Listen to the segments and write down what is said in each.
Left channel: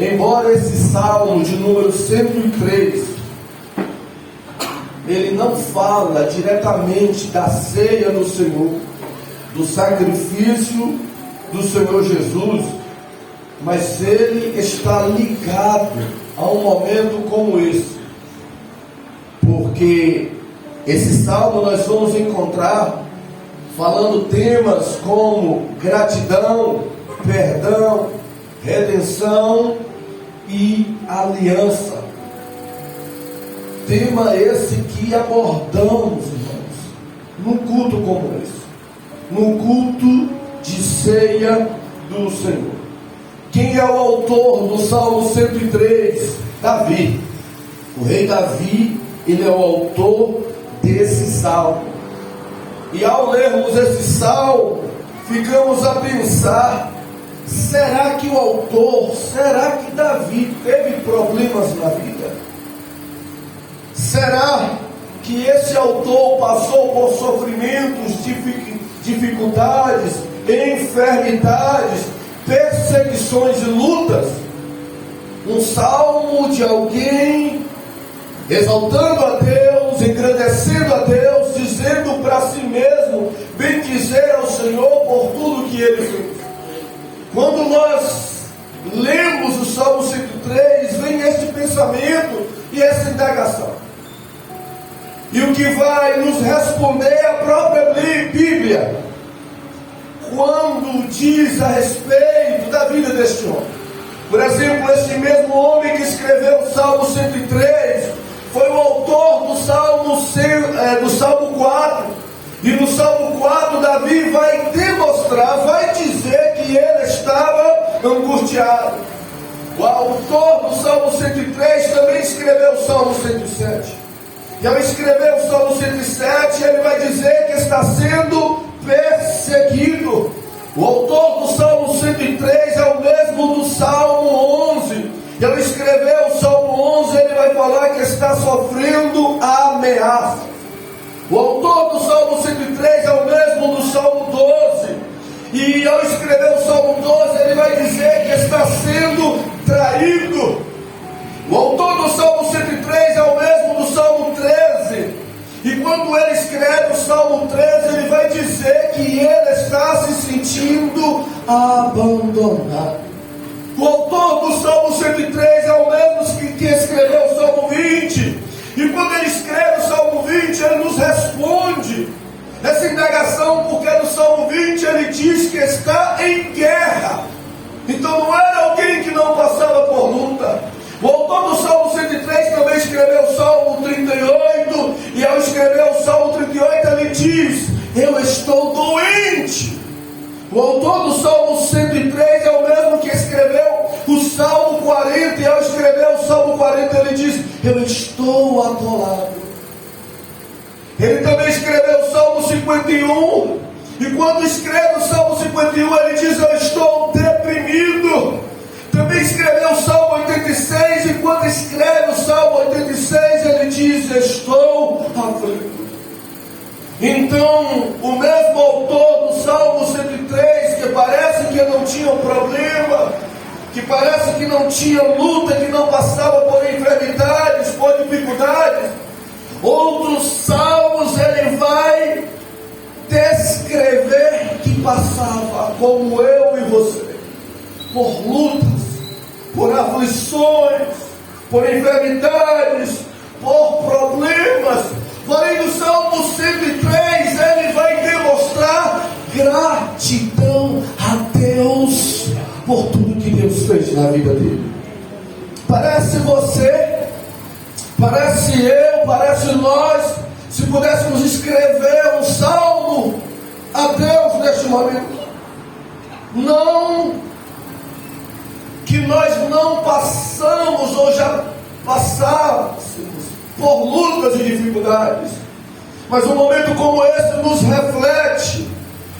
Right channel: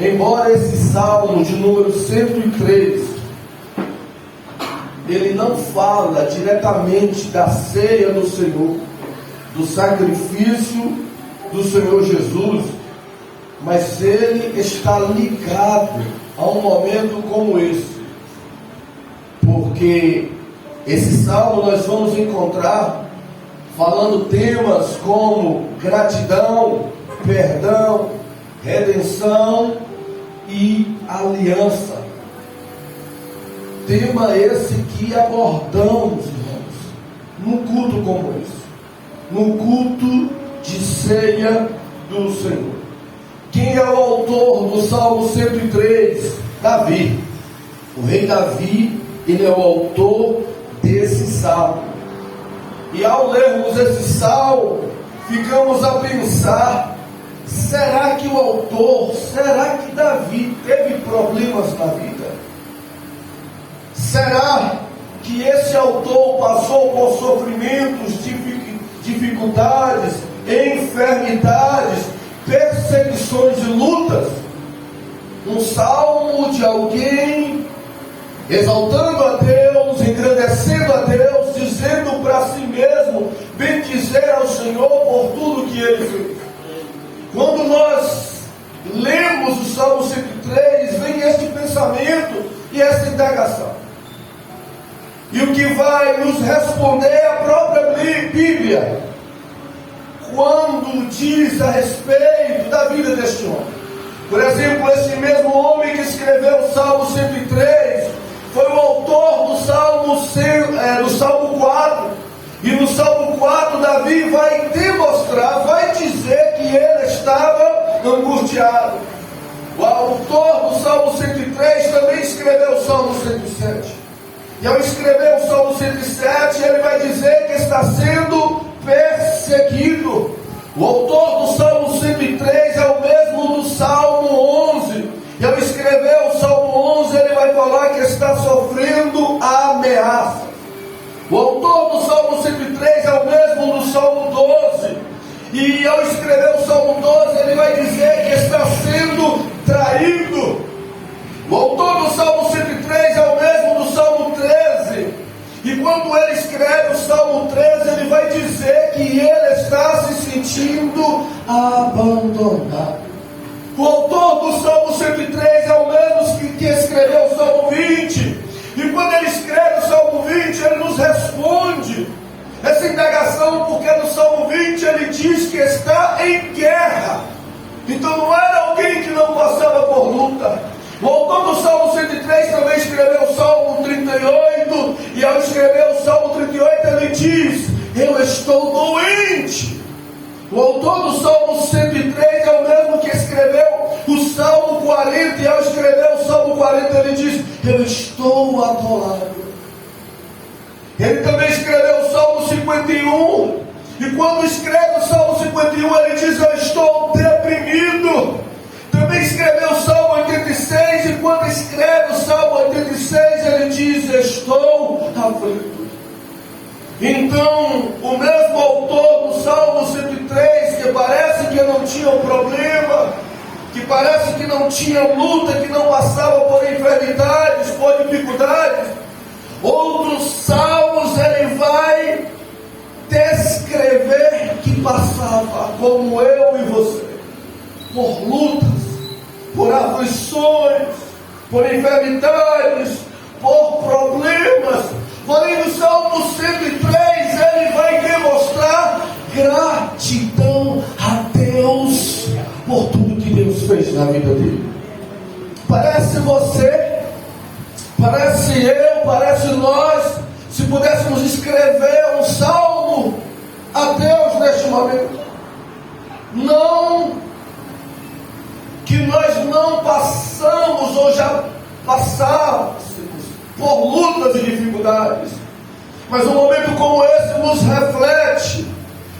embora esse salmo de número 103, ele não fala diretamente da ceia do Senhor, do sacrifício do Senhor Jesus, mas ele está ligado a um momento como esse, porque esse salmo nós vamos encontrar falando temas como gratidão, perdão, redenção e aliança. Tema esse que abordamos, irmãos, num culto como esse, no culto de ceia do Senhor. Quem é o autor do Salmo 103? Davi. O rei Davi, ele é o autor desse salmo. E ao lermos esse salmo, ficamos a pensar: será que o autor, será que Davi teve problemas na vida? Será que esse autor passou por sofrimentos, dificuldades, enfermidades, perseguições e lutas? Um salmo de alguém exaltando a Deus, engrandecendo a Deus, dizendo para si mesmo, bendizer ao Senhor por tudo que Ele fez. Quando nós lemos o Salmo 103, vem esse pensamento e essa indagação. E o que vai nos responder a própria Bíblia, quando diz a respeito da vida deste homem. Por exemplo, esse mesmo homem que escreveu o Salmo 103, foi o autor do Salmo 4. E no Salmo 4, Davi vai demonstrar, vai dizer que ele estava angustiado. O autor do Salmo 103 também escreveu o Salmo 107. E ao escrever o Salmo 107, ele vai dizer que está sendo perseguido. O autor do Salmo 103 é o mesmo do Salmo 11. E ao escrever o Salmo 11, ele vai falar que está sofrendo ameaça. O autor do Salmo 103 é o mesmo do Salmo 12. E ao escrever o Salmo 12, ele vai dizer que está sendo traído. O autor do Salmo 103 é o mesmo do Salmo 13. E quando ele escreve o Salmo 13, ele vai dizer que ele está se sentindo abandonado. O autor do Salmo 103 é o mesmo que escreveu o Salmo 20. E quando ele escreve o Salmo 20, ele nos responde essa indagação, porque no Salmo 20 ele diz que está em guerra. Então não era alguém que não passava por luta. O autor do Salmo 103 também escreveu o Salmo 38, e ao escrever o Salmo 38 ele diz: eu estou doente. O autor do Salmo 103 é o mesmo que escreveu o Salmo 40, e ao escrever o Salmo 40 ele diz: eu estou atolado. Ele também escreveu o Salmo 51, e quando escreve o Salmo 51 ele diz: eu estou deprimido. Também escreveu o Salmo 86, e quando escreve o Salmo 86 ele diz: estou aflito. Então, o mesmo autor do Salmo 103, que parece que não tinha um problema, que parece que não tinha luta, que não passava por enfermidades, por dificuldades, outros salmos ele vai descrever que passava, como eu e você, por lutas, por aflições, por enfermidades, por problemas. Porém, no Salmo 103 ele vai demonstrar gratidão a Deus por tudo que Deus fez na vida dele. Parece você, parece eu, parece nós, se pudéssemos escrever um salmo a Deus neste momento. Não que nós não passamos ou já passamos por lutas e dificuldades, mas um momento como esse nos reflete,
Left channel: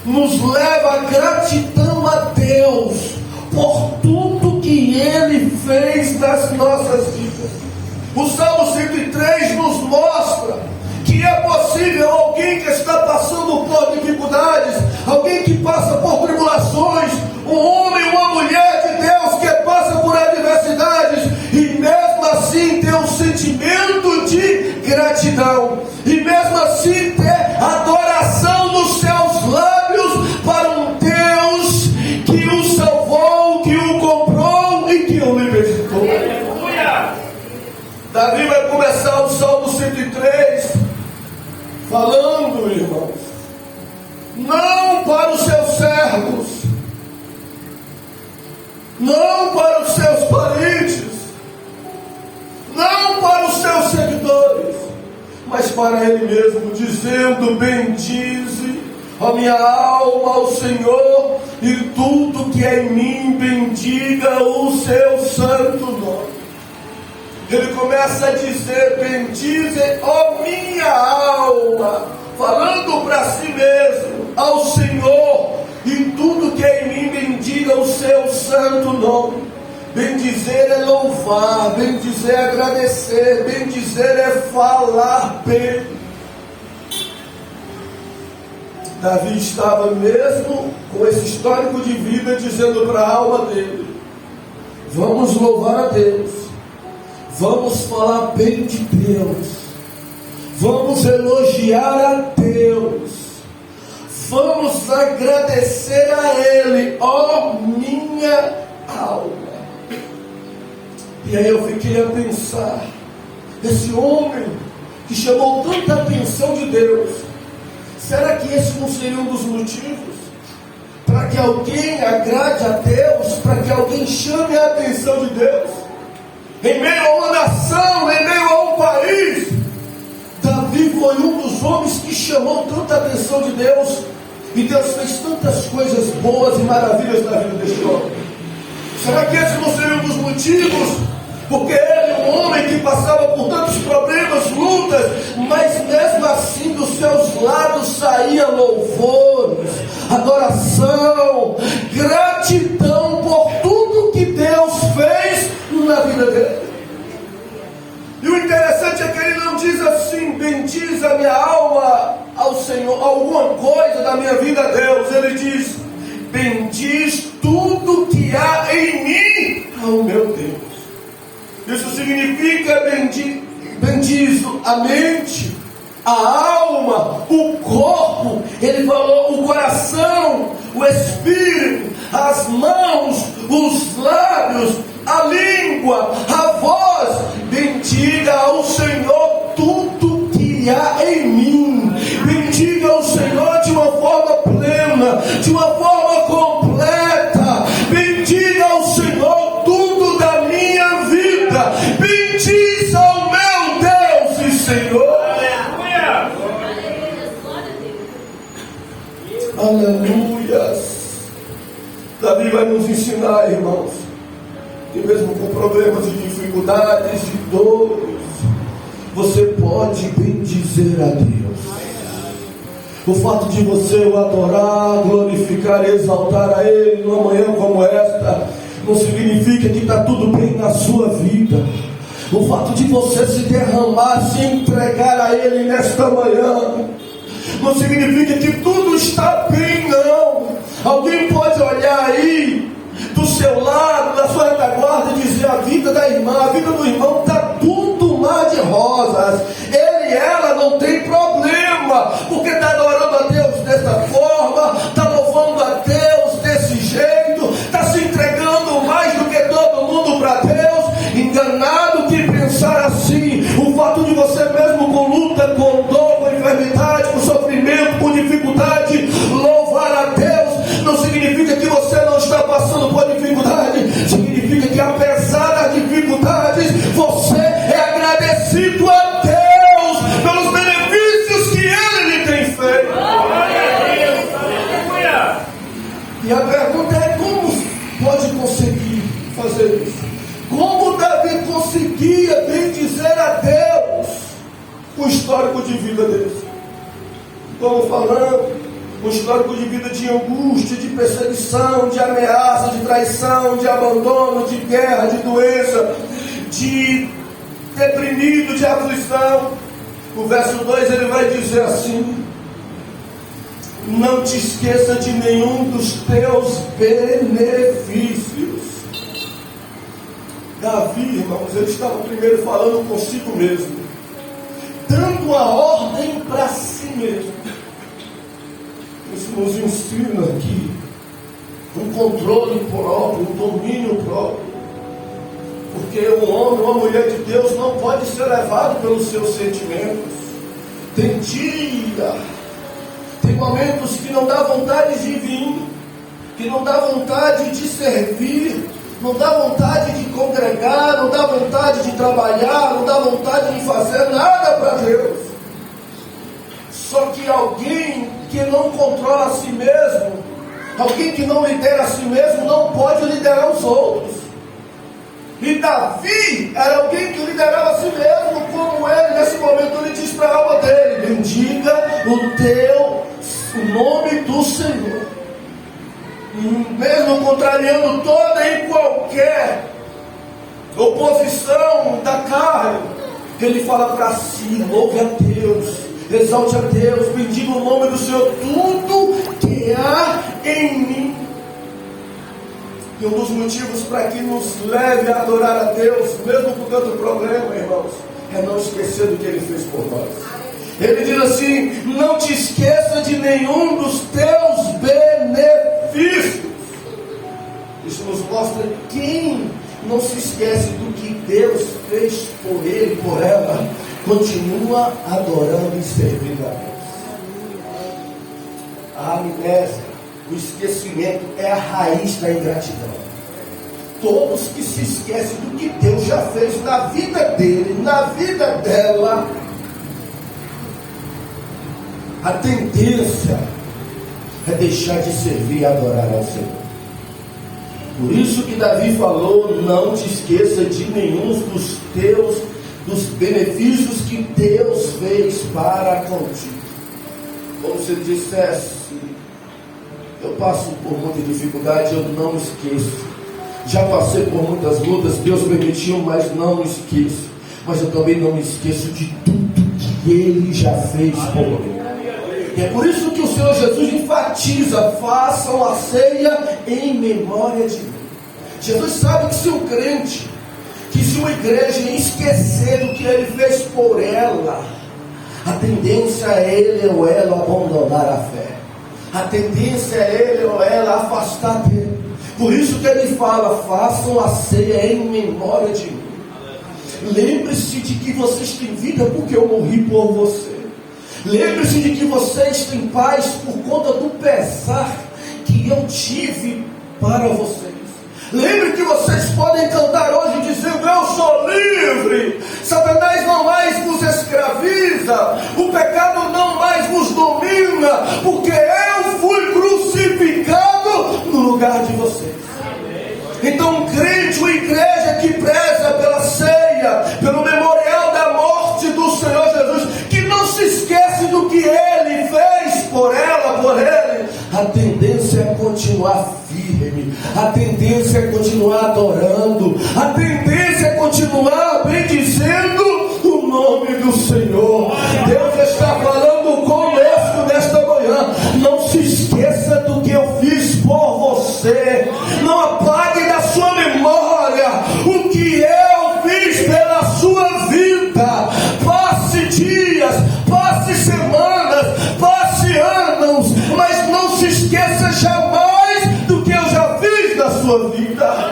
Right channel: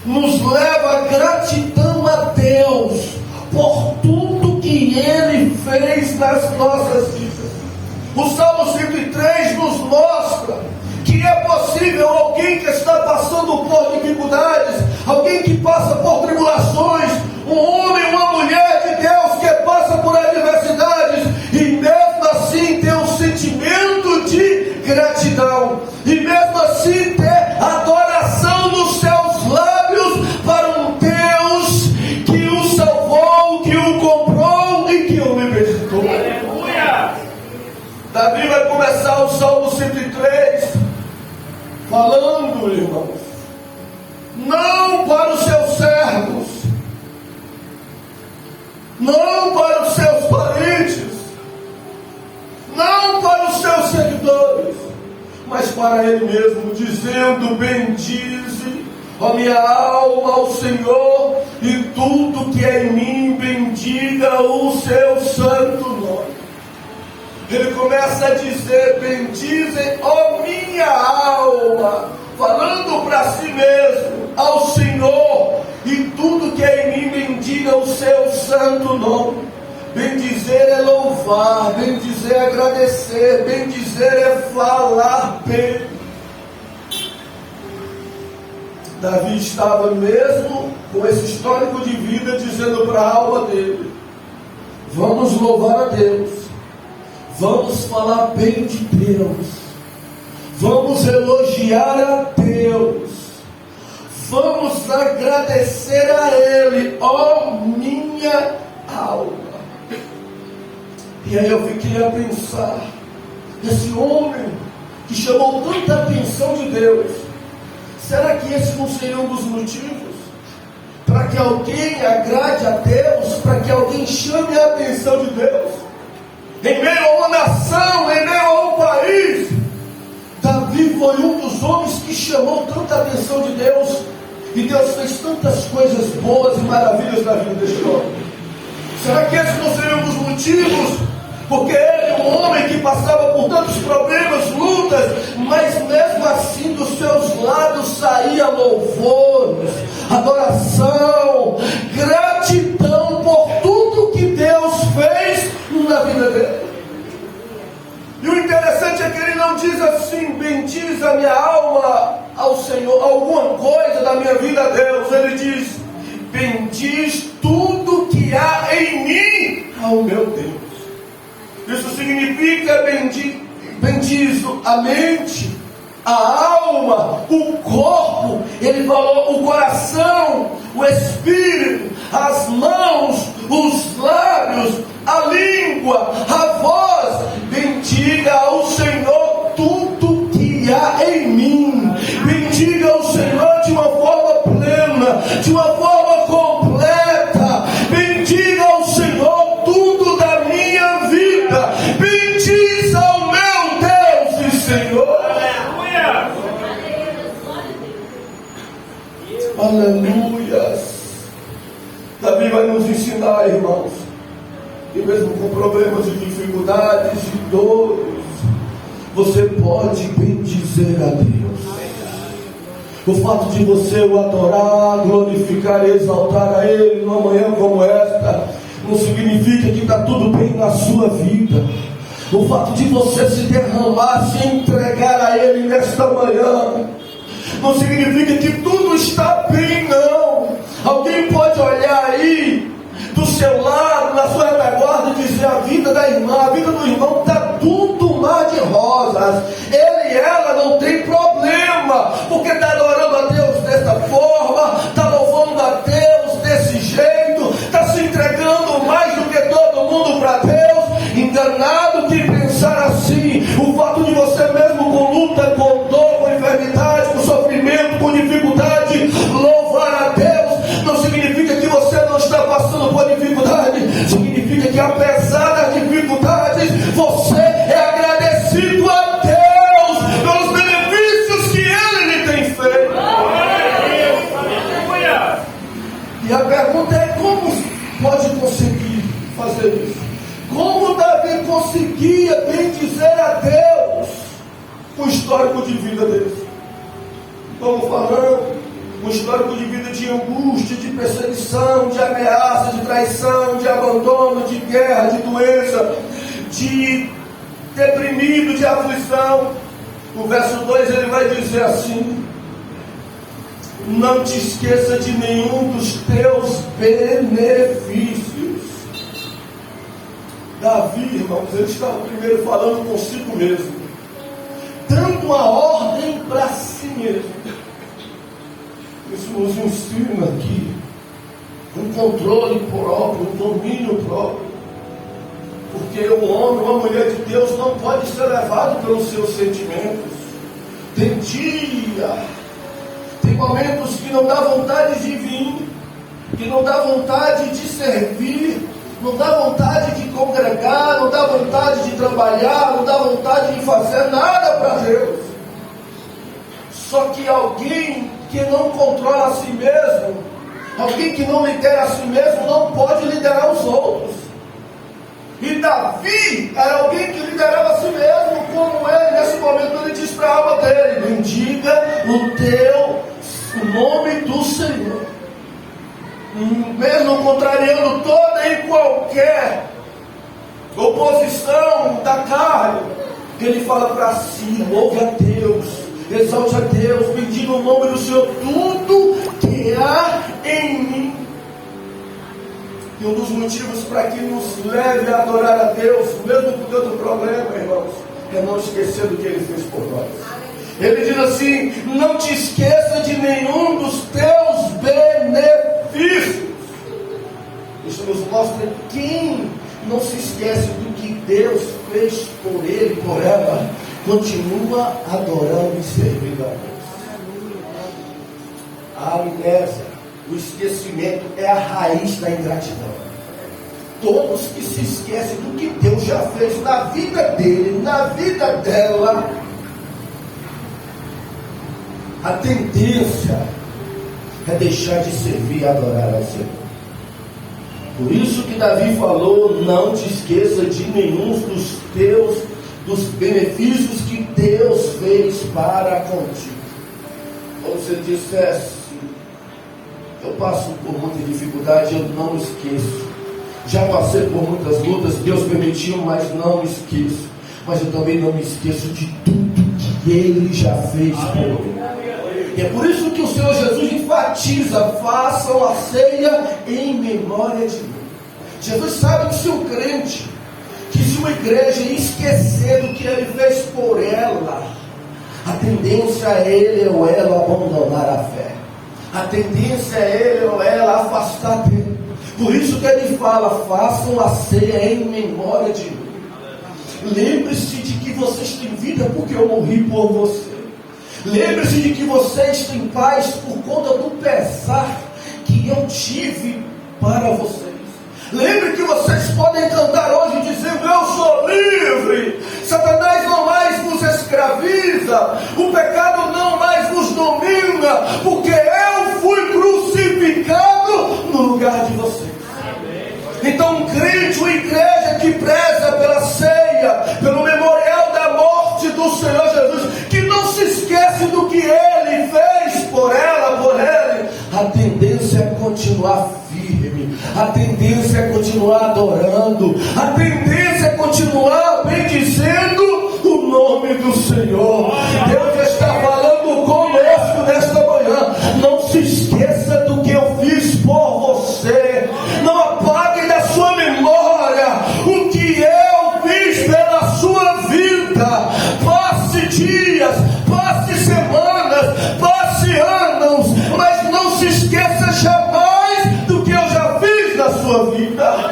nos leva a gratidão a Deus por tudo que Ele fez nas nossas vidas. O Salmo 103 nos mostra que é possível alguém que está passando por dificuldades, alguém que passa por tribulações, um homem, uma mulher de Deus que passa por adversidades, não para os seus parentes, não para os seus seguidores, mas para Ele mesmo, dizendo: bendize a minha alma ao Senhor, e tudo que é em mim bendiga o seu santo nome. Ele começa a dizer: bendize a minha alma, falando para si mesmo, ao Senhor, e tudo que é em mim bendiga o seu santo nome. Bendizer é louvar, bendizer é agradecer, bendizer é falar bem. Davi estava mesmo com esse histórico de vida, dizendo para a alma dele: vamos louvar a Deus, vamos falar bem de Deus, vamos elogiar a Deus, vamos agradecer a Ele, ó minha alma. E aí eu fiquei a pensar, esse homem que chamou tanta atenção de Deus, será que esse não seria um dos motivos para que alguém agrade a Deus, para que alguém chame a atenção de Deus? Em meio a uma nação, em meio a um país, Davi foi um dos homens que chamou tanta atenção de Deus, e Deus fez tantas coisas boas e maravilhas na vida deste homem. Será que esse não seria um dos motivos? Porque ele, um homem que passava por tantos problemas, lutas, mas mesmo assim dos seus lados saía louvores, adoração, gratidão por tudo que Deus fez na vida dele. E o interessante é que ele não diz assim: bendiz a minha alma ao Senhor, alguma coisa da minha vida a Deus. Ele diz: bendiz tudo que há em mim ao meu Deus. Isso significa bendiz a mente, a alma, o corpo. Ele falou o coração, o espírito, as mãos, os lábios, a língua, a voz. Bendiga ao Senhor tudo que há em mim. Bendiga ao Senhor de uma forma plena, de uma forma completa. Bendiga ao Senhor tudo da minha vida. Bendiz ao meu Deus e Senhor. Aleluia. Davi vai nos ensinar, irmãos, que mesmo com problemas e dificuldades e dores, você pode bendizer a Deus. O fato de você o adorar, glorificar e exaltar a Ele numa manhã como esta, não significa que está tudo bem na sua vida. O fato de você se derramar, se entregar a Ele nesta manhã, não significa que tudo está bem, não. Alguém pode olhar aí do seu lado, na sua retaguarda, e dizer: a vida da irmã, a vida do irmão está tudo mar de rosas. Ele e ela não tem problema, porque está adorando a Deus desta forma, está louvando a Deus desse jeito, está se entregando mais do que todo mundo para Deus. Enganado que pensar assim. O fato de você mesmo com luta, com dor, com enfermidade, com sofrimento, com dificuldade, louvar a Deus, não significa que você não está passando por dificuldade. Significa que apesar das dificuldades, você é agradecido a Deus pelos benefícios que Ele lhe tem feito. E a pergunta é: como pode conseguir fazer isso? Como Davi conseguia bendizer a Deus com o histórico de vida dele? Estamos falando um histórico de vida de angústia, de perseguição, de ameaça, de traição, de abandono, de guerra, de doença, de deprimido, de aflição. No verso 2 ele vai dizer assim: não te esqueça de nenhum dos teus benefícios. Davi, irmãos, ele estava primeiro falando consigo mesmo, dando a ordem para si mesmo. Isso nos ensina aqui um controle próprio, um domínio próprio. Porque um homem, uma mulher de Deus não pode ser levado pelos seus sentimentos. Tem dia, tem momentos que não dá vontade de vir, que não dá vontade de servir, não dá vontade de congregar, não dá vontade de trabalhar, não dá vontade de fazer nada para Deus. Só que alguém que não controla a si mesmo, alguém que não lidera a si mesmo, não pode liderar os outros. E Davi era alguém que liderava a si mesmo, como ele, nesse momento, ele diz para a alma dele: bendiga o nome do Senhor. Mesmo contrariando toda e qualquer oposição da carne, ele fala para si: louve a Deus, exalte a Deus, bendiga o nome do Senhor, tudo que há em mim. E um dos motivos para que nos leve a adorar a Deus, mesmo com tanto problema, irmãos, é não esquecer do que Ele fez por nós. Ele diz assim: não te esqueça de nenhum dos teus benefícios. Isso nos mostra que quem não se esquece do que Deus fez por ele, por ela, continua adorando e servindo a Deus. A amnésia, o esquecimento, é a raiz da ingratidão. Todos que se esquecem do que Deus já fez na vida dele, na vida dela, a tendência é deixar de servir e adorar ao Senhor. Por isso que Davi falou: não te esqueça de nenhum dos benefícios que Deus fez para contigo. Como se ele dissesse: eu passo por muita dificuldade, eu não me esqueço. Já passei por muitas lutas, Deus permitiu, mas não me esqueço. Mas eu também não me esqueço de tudo que Ele já fez por mim. E é por isso que o Senhor Jesus enfatiza: façam a ceia em memória de mim. Jesus sabe que se um crente, que se uma igreja esquecer do que Ele fez por ela, a tendência é ele ou ela abandonar a fé. A tendência é ele ou ela afastar dele. Por isso que Ele fala: façam a ceia em memória de mim. Lembre-se de que vocês têm vida porque eu morri por você. Lembre-se de que vocês têm paz por conta do pesar que eu tive para vocês. Lembre que vocês podem cantar hoje dizendo: eu sou livre. Satanás não mais nos escraviza. O pecado não mais nos domina, porque eu fui crucificado no lugar de vocês. Então um crente, uma igreja que preza pela ceia, pelo memorial da morte do Senhor Jesus, que não se esquece do que Ele fez por ela, por ele, a tendência é continuar firme, a tendência é continuar adorando, a tendência é continuar bendizendo o nome do Senhor. Deus está falando conosco nesta manhã: não se esqueça do que eu fiz por você. Não apague da sua memória o que eu fiz pela sua vida. Passe dias, passe semanas, passe anos, mas não se esqueça jamais do que eu já fiz na sua vida.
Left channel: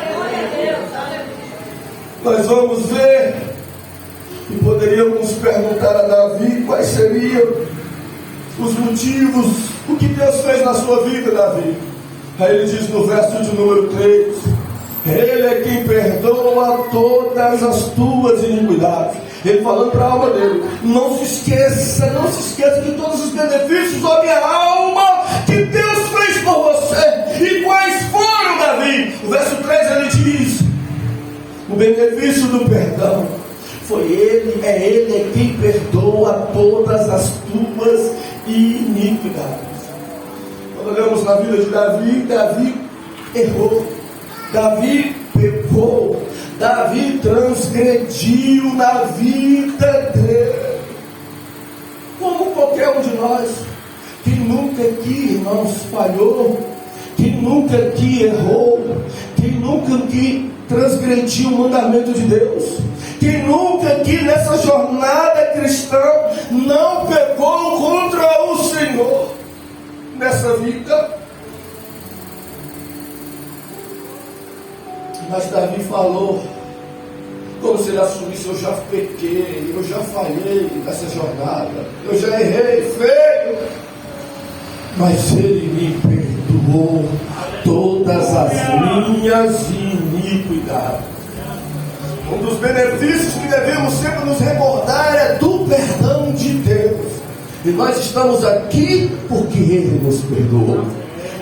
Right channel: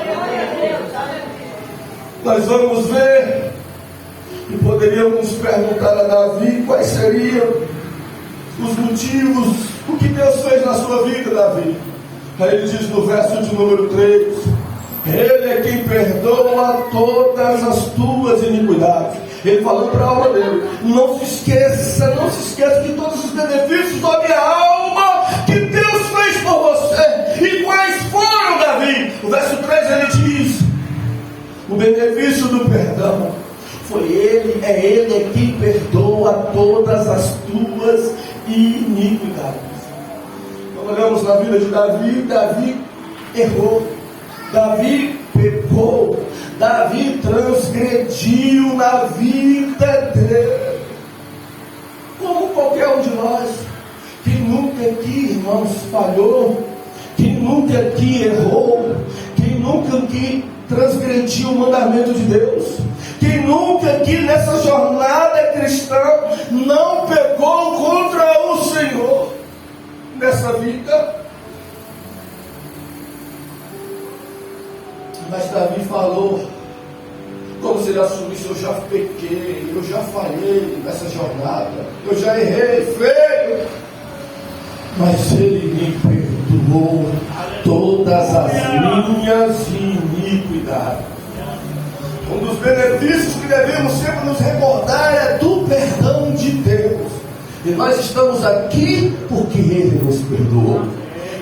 Nós vamos ver, e poderíamos perguntar a Davi quais seriam os motivos, o que Deus fez na sua vida, Davi. Aí ele diz no verso de número 3: Ele é quem perdoa todas as tuas iniquidades. Ele falando para a alma dele: não se esqueça de todos os benefícios da minha alma que Deus fez por você. E quais foram, Davi? No verso 3 ele diz: o benefício do perdão. Foi Ele é quem perdoa todas as tuas iniquidades. Quando olhamos na vida de Davi, Davi errou, Davi pecou, Davi transgrediu na vida dele. Como qualquer um de nós, quem nunca aqui, irmãos, falhou, quem nunca aqui errou, quem nunca aqui transgrediu o mandamento de Deus, quem nunca aqui nessa jornada cristã não pecou contra o Senhor nessa vida. Mas Davi falou, como se ele assumisse: eu já pequei, eu já falhei nessa jornada, eu já errei feio, mas Ele me perdoou. todas as minhas iniquidades. Um dos benefícios que devemos sempre nos recordar é do perdão de Deus. E nós estamos aqui porque Ele nos perdoou.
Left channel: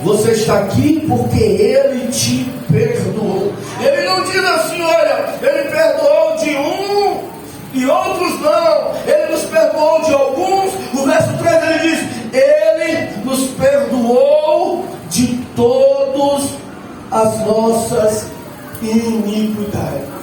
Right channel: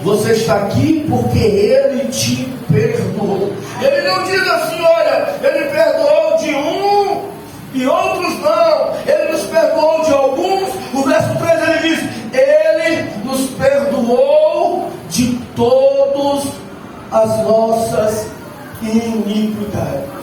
Você está aqui porque Ele te perdoou. Ele não diz assim, olha, Ele perdoou de um e outros não. Ele nos perdoou de alguns. No verso 3 ele diz, Ele nos perdoou de todas as nossas iniquidades.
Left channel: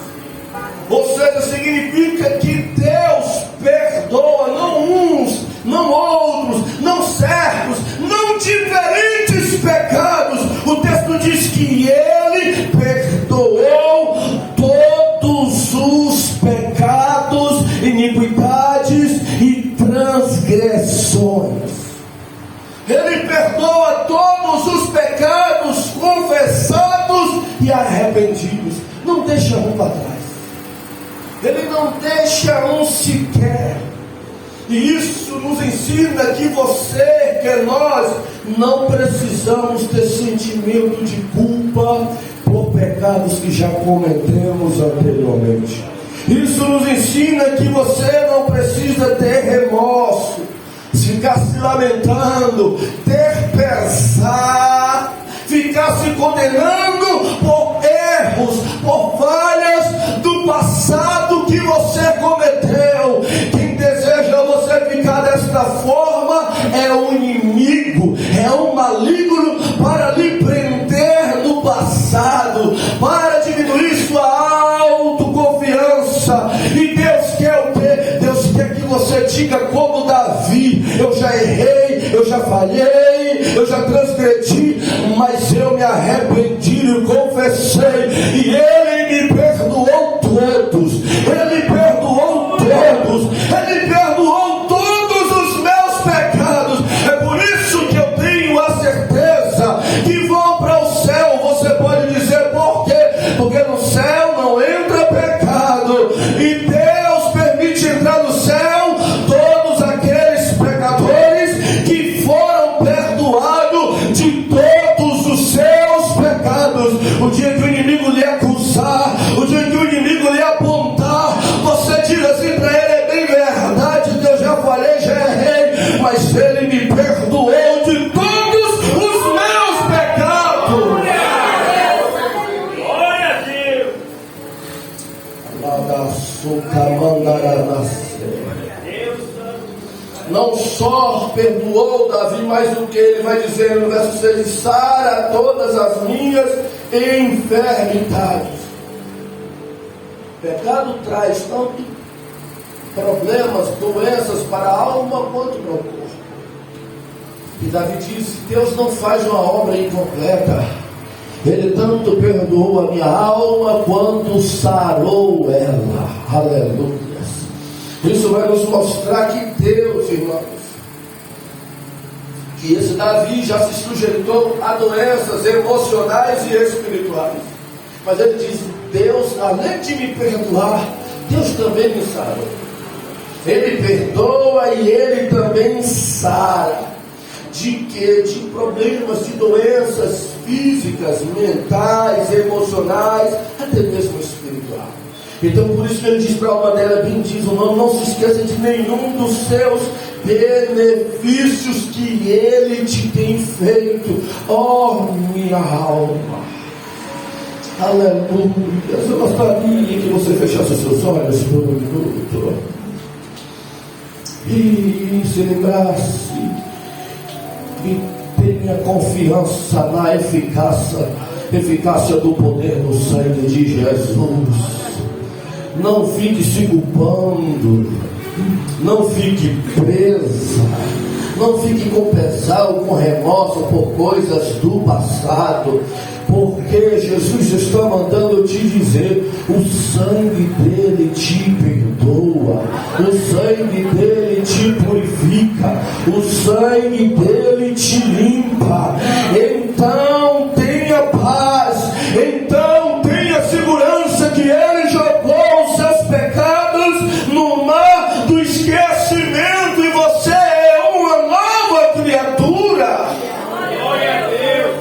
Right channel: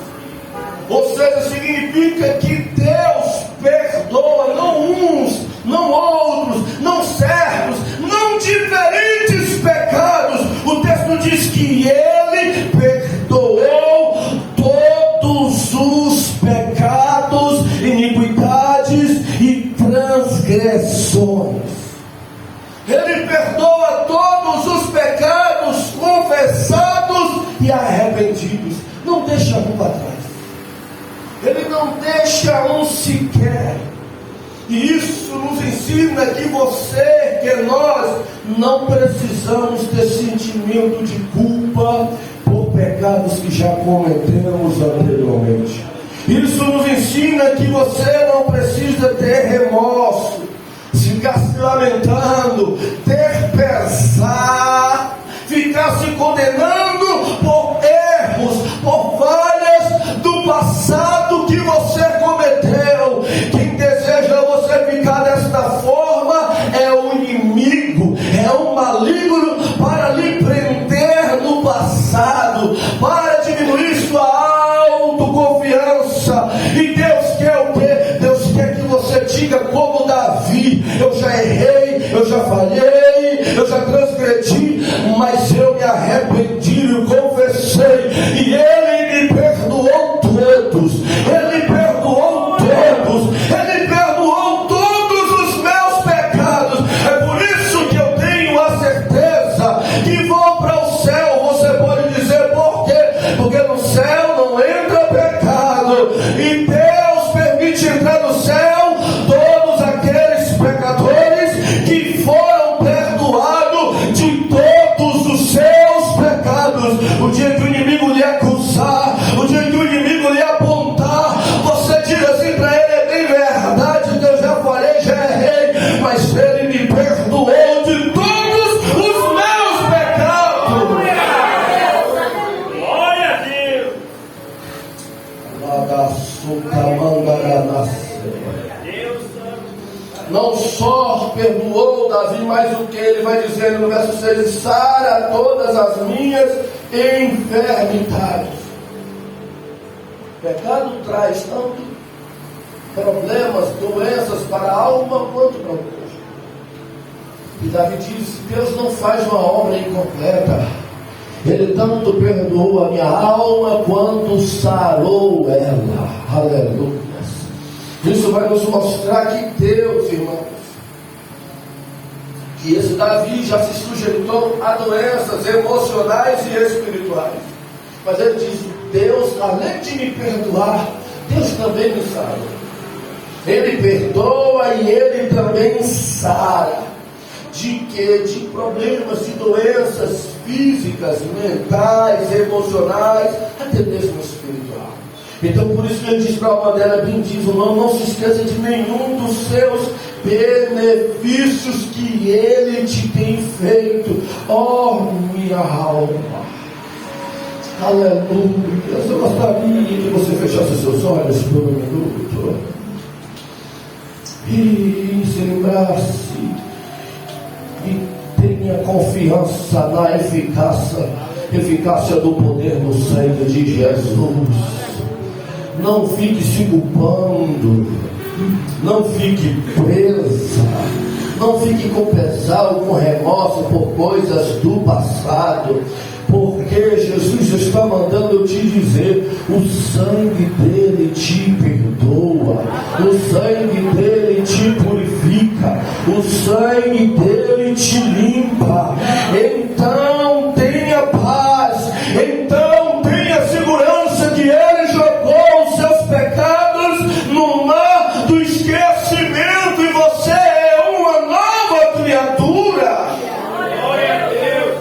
Ou seja, significa que Deus perdoa não uns, não outros, não certos, não diferentes pecados. O texto diz que Ele perdoou todos os pecados, iniquidades e transgressões. Ele perdoa todos os pecados confessados e arrependidos. Não deixa um para trás. Ele não deixa um sequer. E isso nos ensina que você, que nós, não precisamos ter sentimento de culpa por pecados que já cometemos anteriormente. Isso nos ensina que você não precisa ter remorso, ficar se lamentando, ter pesar, ficar se condenando por erros, por falhas do passado que você cometeu. Quem deseja você ficar desta forma é o inimigo, é o maligno para lhe prender no passado, para diminuir sua autoconfiança. E Deus quer que você diga como Davi: eu já errei, eu já falhei, eu já transgredi, mas eu me arrependi e confessei, e Ele me perdoou todos, Ele perdoou todos, Ele perdoou todos os meus pecados. É por isso que eu tenho a certeza que vou para o céu. Você pode dizer por quê? Porque no céu não entra pecado, e Deus permite entrar no céu todos aqueles pecadores que foram perdoados de todos os seus pecados. O dia que o inimigo lhe acusar, o dia que o inimigo lhe apontar, você diz assim para ele: é bem verdade que eu já falei, já errei, mas Ele me perdoou de todos os meus pecados. Glória a Deus. Não só perdoou Davi, mas o que ele vai dizer no verso 6: sara todas as minhas enfermidades. O pecado traz tanto problemas, doenças para a alma quanto para o corpo. E Davi diz: Deus não faz uma obra incompleta. Ele tanto perdoou a minha alma quanto sarou ela. Aleluia. Isso vai nos mostrar que Deus, irmãos, que esse Davi já se sujeitou a doenças emocionais e espirituais. Mas ele diz: Deus, além de me perdoar, Deus também me sara. Ele perdoa e Ele também sara. De quê? De problemas, de doenças físicas, mentais, emocionais, até mesmo espirituais. Então por isso ele diz para a alma dela: bendiz o nome, não se esqueça de nenhum dos seus benefícios que Ele te tem feito, ó minha alma. Aleluia. Eu gostaria que você fechasse seus olhos por um minuto e se lembrasse e tenha confiança na eficácia do poder do sangue de Jesus. Não fique se culpando, não fique presa, não fique com pesar ou com remorso por coisas do passado, porque Jesus está mandando eu te dizer: o sangue dele te perdoa, o sangue dele te purifica, o sangue dele te limpa. Então tenha paz, então tenha segurança que Ele jogou os seus pecados no mar do esquecimento e você é uma nova criatura. Glória a Deus.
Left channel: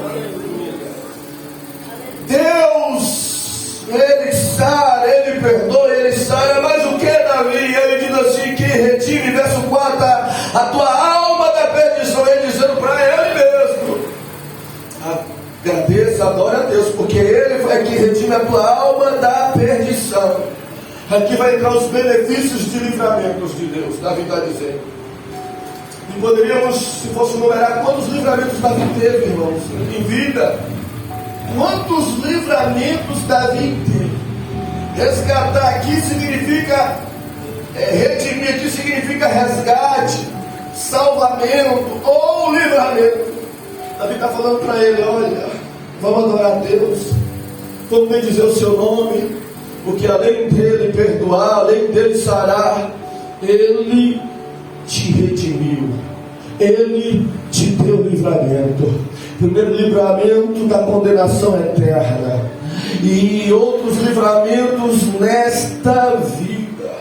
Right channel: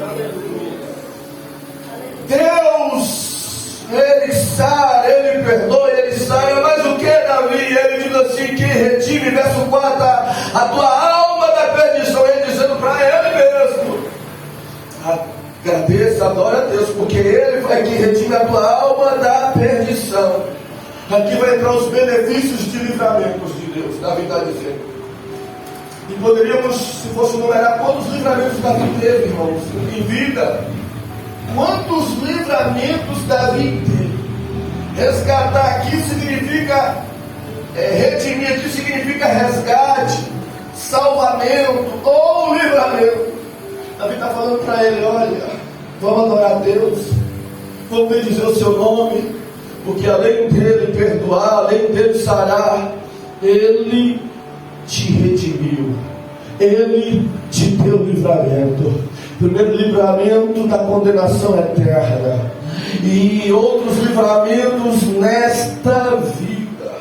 sara, ele perdoa, ele sara. Mas o que, Davi? Ele diz assim, que retime, verso 4, a tua alma da perdição. Ele dizendo para ele mesmo, agradeça, adora a Deus, porque ele vai que redime a tua alma da perdição. Aqui vai entrar os benefícios de livramentos de Deus, Davi está dizendo. E poderíamos, se fosse numerar, quantos livramentos Davi teve, irmãos, em vida? Quantos livramentos Davi teve? Resgatar aqui significa redimir, aqui significa resgate, salvamento ou livramento. Davi está falando para ele, olha, vamos adorar a Deus, vamos bendizer o seu nome, porque além dele perdoar, além dele sarar, ele te redimiu, ele te deu livramento. Primeiro, livramento da condenação eterna, e outros livramentos nesta vida.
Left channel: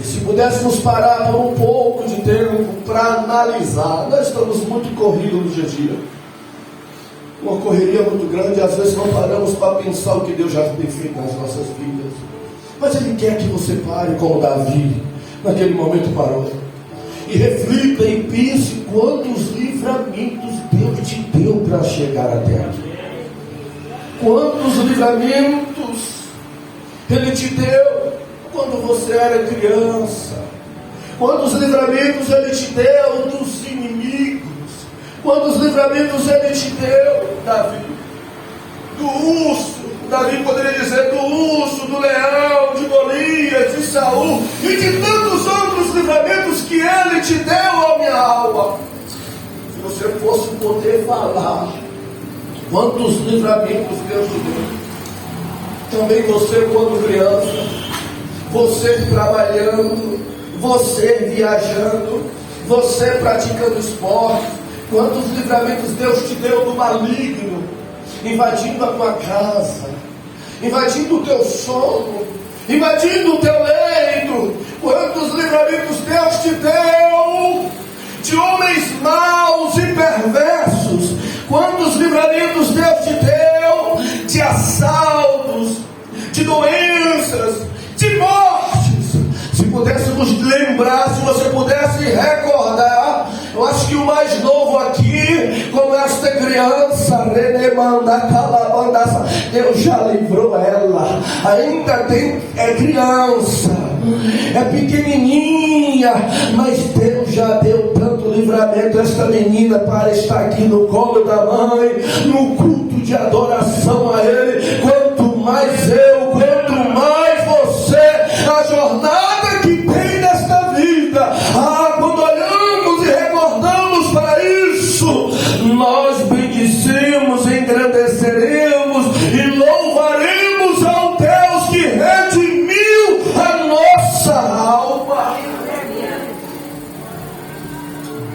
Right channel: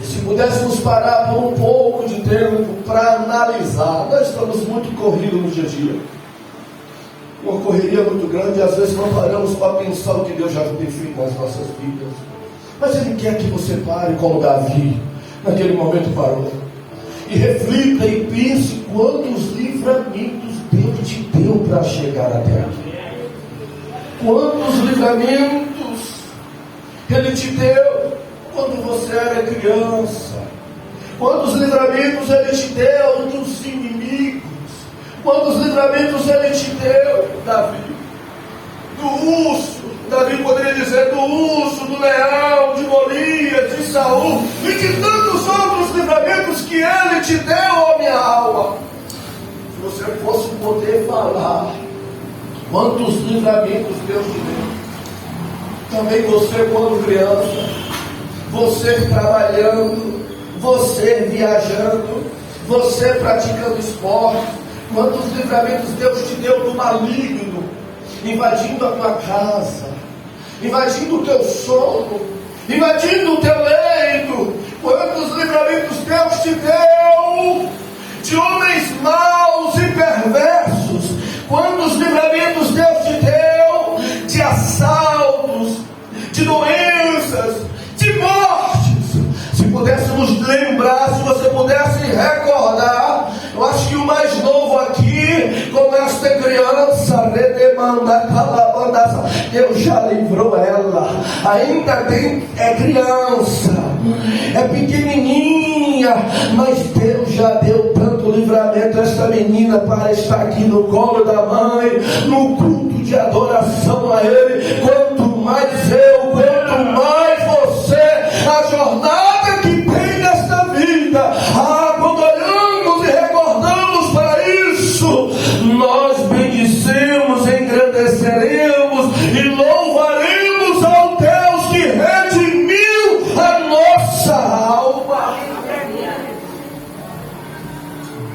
E se pudéssemos parar por um pouco de tempo para analisar, nós estamos muito corridos no dia a dia, uma correria muito grande, e às vezes não paramos para pensar o que Deus já tem feito nas nossas vidas. Mas Ele quer que você pare como Davi, naquele momento parou, e reflita e pense quantos livramentos Deus te deu para chegar até aqui. Quantos livramentos Ele te deu quando você era criança. Quantos livramentos Ele te deu dos inimigos. Quantos livramentos Ele te deu, Davi, do urso. Davi poderia dizer do urso, do leão, de Golias, de Saul e de tantos outros livramentos que Ele te deu, ó minha alma. Se você fosse poder falar quantos livramentos Deus te deu. Também você quando criança, você trabalhando, você viajando, você praticando esporte. Quantos livramentos Deus te deu do maligno, invadindo a tua casa, invadindo o teu sono, invadindo o teu leito. Quantos livramentos Deus te deu de homens maus e perversos. Quantos livramentos Deus te deu de assaltos, de doenças, de mortes. Se pudéssemos lembrar, se você pudesse recordar, eu acho que o mais novo aqui, como esta criança, Deus já livrou ela. Ainda é criança, é pequenininha, mas Deus já deu tanto livramento a esta menina para estar aqui no colo da mãe, no culto de adoração a Ele. Quanto mais eu, quanto mais você, a jornada que tem nesta vida. Quando olhamos e recordamos para isso, nós bendizemos, engrandeceremos e louvaremos ao Deus que redimiu a nossa alma.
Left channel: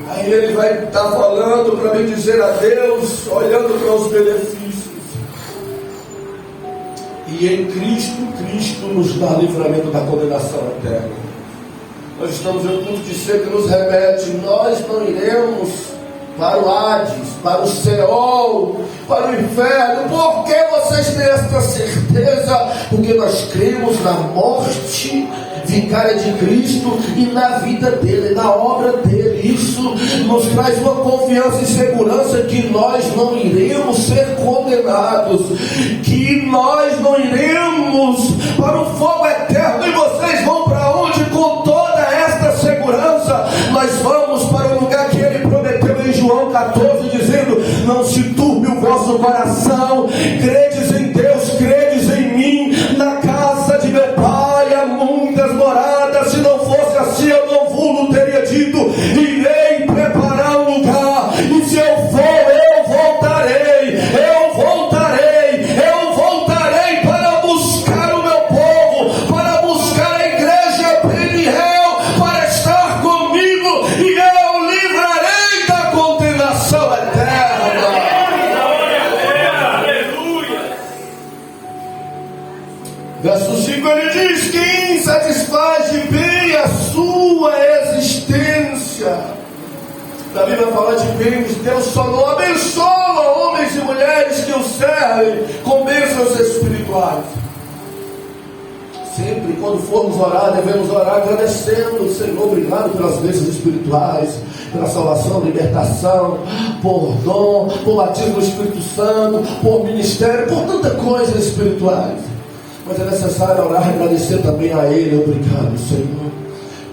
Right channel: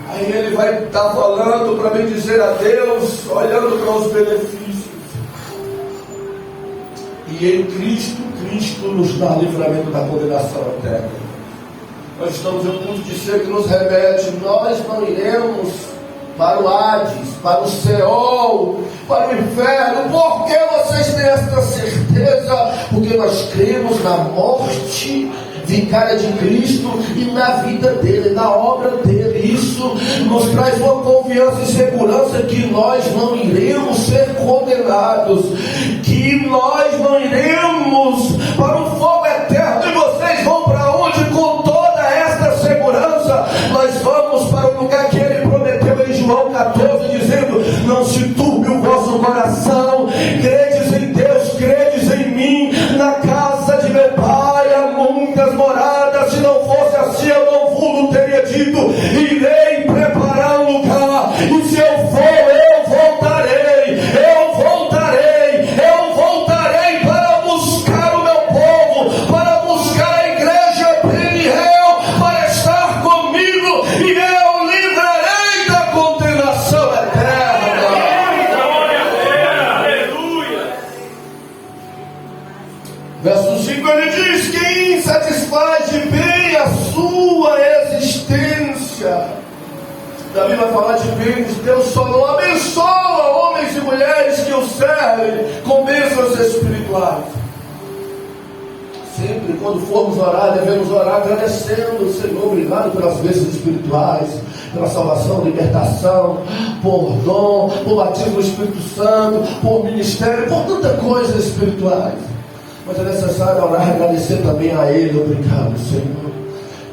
Aí ele vai estar falando para bendizer a Deus, olhando para os benefícios. E em Cristo nos dá livramento da condenação eterna. Nós estamos em um ponto de ser que nos remete. Nós não iremos para o Hades, para o Seol, para o inferno. Por que vocês têm esta certeza? Porque nós cremos na morte vicária de Cristo e na vida dele, na obra dele. Isso nos traz uma confiança e segurança que nós não iremos ser condenados, que nós não iremos para o fogo eterno. E vocês vão para onde com toda esta segurança? Nós vamos para o lugar que ele prometeu em João 14, dizendo: não se turbe o vosso coração, credes em Deus, credes em mim. Na casa de meu Pai há muitas moradas. Se não fosse assim, eu não vos teria dito: irei preparar um lugar. E se eu for, eu voltarei, para buscar o meu povo, para buscar a igreja Peniel, para estar comigo, e eu livrarei da condenação eterna. Verso 5 ele diz: quem satisfaz de bem a sua existência. Davi vai falar de bens. Deus só não abençoa homens e mulheres que o servem com bênçãos espirituais. espirituais. Sempre quando formos orar, devemos orar agradecendo, Senhor, obrigado pelas bênçãos espirituais, pela salvação, libertação, por dom, por batismo do Espírito Santo, por ministério, por tanta coisa espirituais. Mas é necessário orar e agradecer também a Ele. Obrigado, Senhor,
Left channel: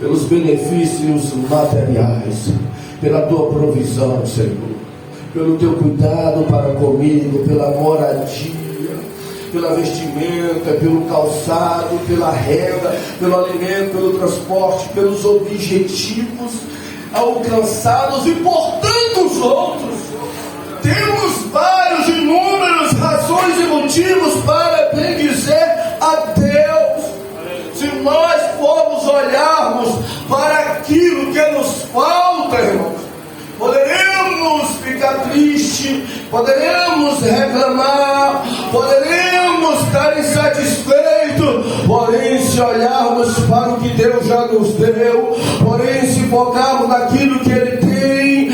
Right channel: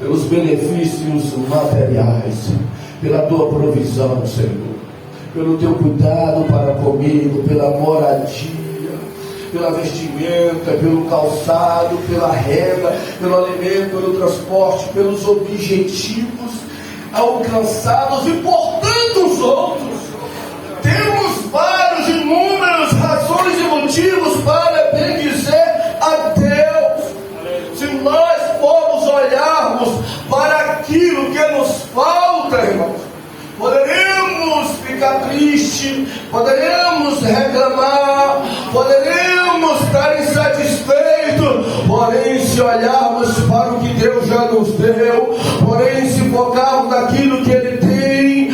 pelos benefícios materiais, pela Tua provisão, Senhor, pelo Teu cuidado para comigo, pela moradia, pela vestimenta, pelo calçado, pela renda, pelo alimento, pelo transporte, pelos objetivos alcançados e por tantos outros. Temos vários, inúmeras razões e motivos para bendizer a Deus. Se nós formos olharmos para aquilo que nos falta, irmãos, poderemos ficar tristes, poderemos reclamar, poderemos estar insatisfeitos, porém se olharmos para o que Deus já nos deu, porém se focarmos naquilo que Ele tem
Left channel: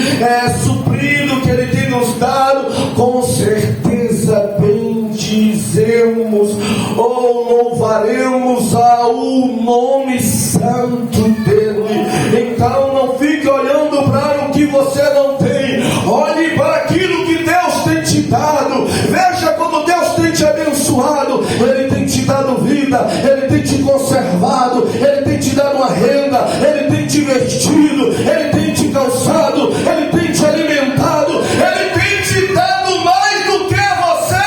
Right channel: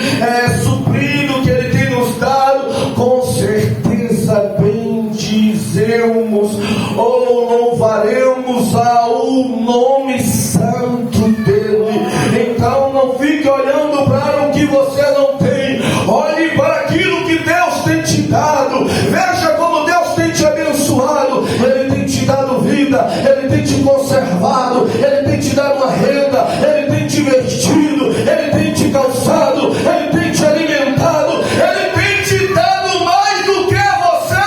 suprido, que Ele tem nos dado, com certeza bendizemos ou louvaremos ao nome santo dEle. Então não fique olhando para o que você não tem, olhe para aquilo que Deus tem te dado, veja como Deus tem te abençoado. Ele tem te dado vida, Ele tem te conservado, Ele tem te dado uma renda, Ele tem te vestido, Ele tem te calçado, Ele tem te alimentado, Ele tem te dado mais do que você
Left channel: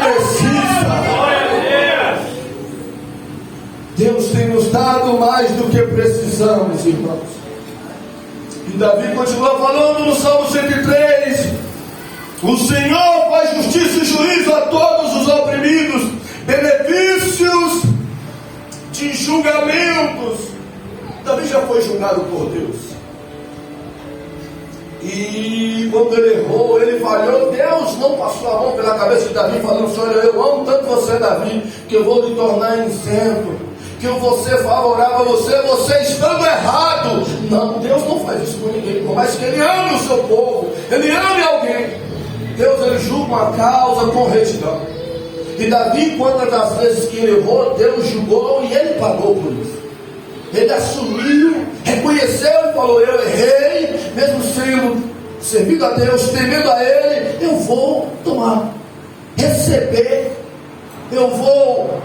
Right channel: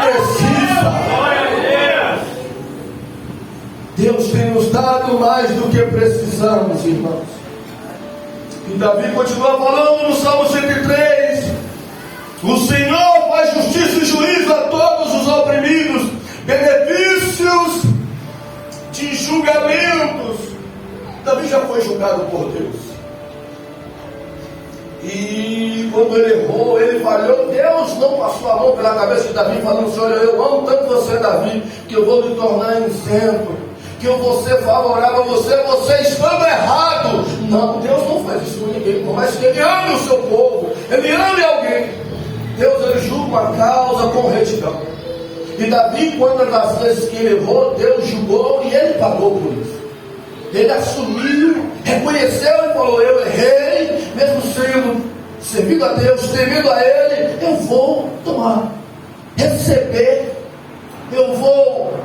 precisa. Deus tem nos dado mais do que precisamos, irmãos. E Davi continua falando no Salmo 103: o Senhor faz justiça e juízo a todos os oprimidos, benefícios de julgamentos. Davi já foi julgado por Deus. E quando ele errou, ele falhou, Deus não passou a mão pela cabeça de Davi, falando assim: olha, eu amo tanto você, Davi, que eu vou lhe tornar isento, que eu vou ser favorável a você, você estando errado. Não, Deus não faz isso com ninguém, por mais que Ele ame o seu povo, Ele ame alguém. Deus, Ele julga uma causa com retidão. E Davi, quantas das vezes que ele errou, Deus julgou e ele pagou por isso. Ele assumiu, reconheceu e falou: eu errei, mesmo sendo servido a Deus, temendo a Ele, eu vou tomar, receber, eu vou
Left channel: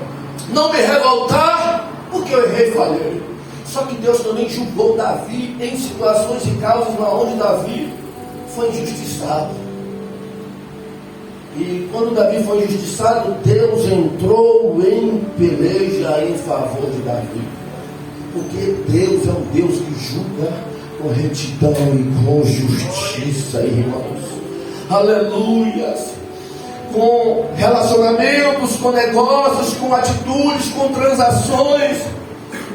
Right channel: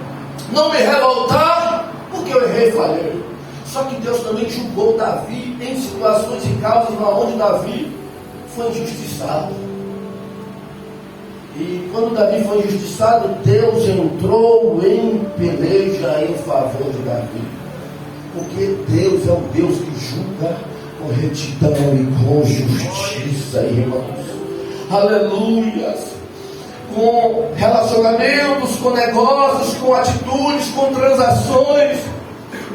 não me revoltar, porque eu errei e falei. Só que Deus também julgou Davi em situações e causas onde Davi foi injustiçado. E quando Davi foi injustiçado, Deus entrou em peleja em favor de Davi. Porque Deus é um Deus que julga com retidão e com justiça, irmãos. Aleluias! Com relacionamentos, com negócios, com atitudes, com transações.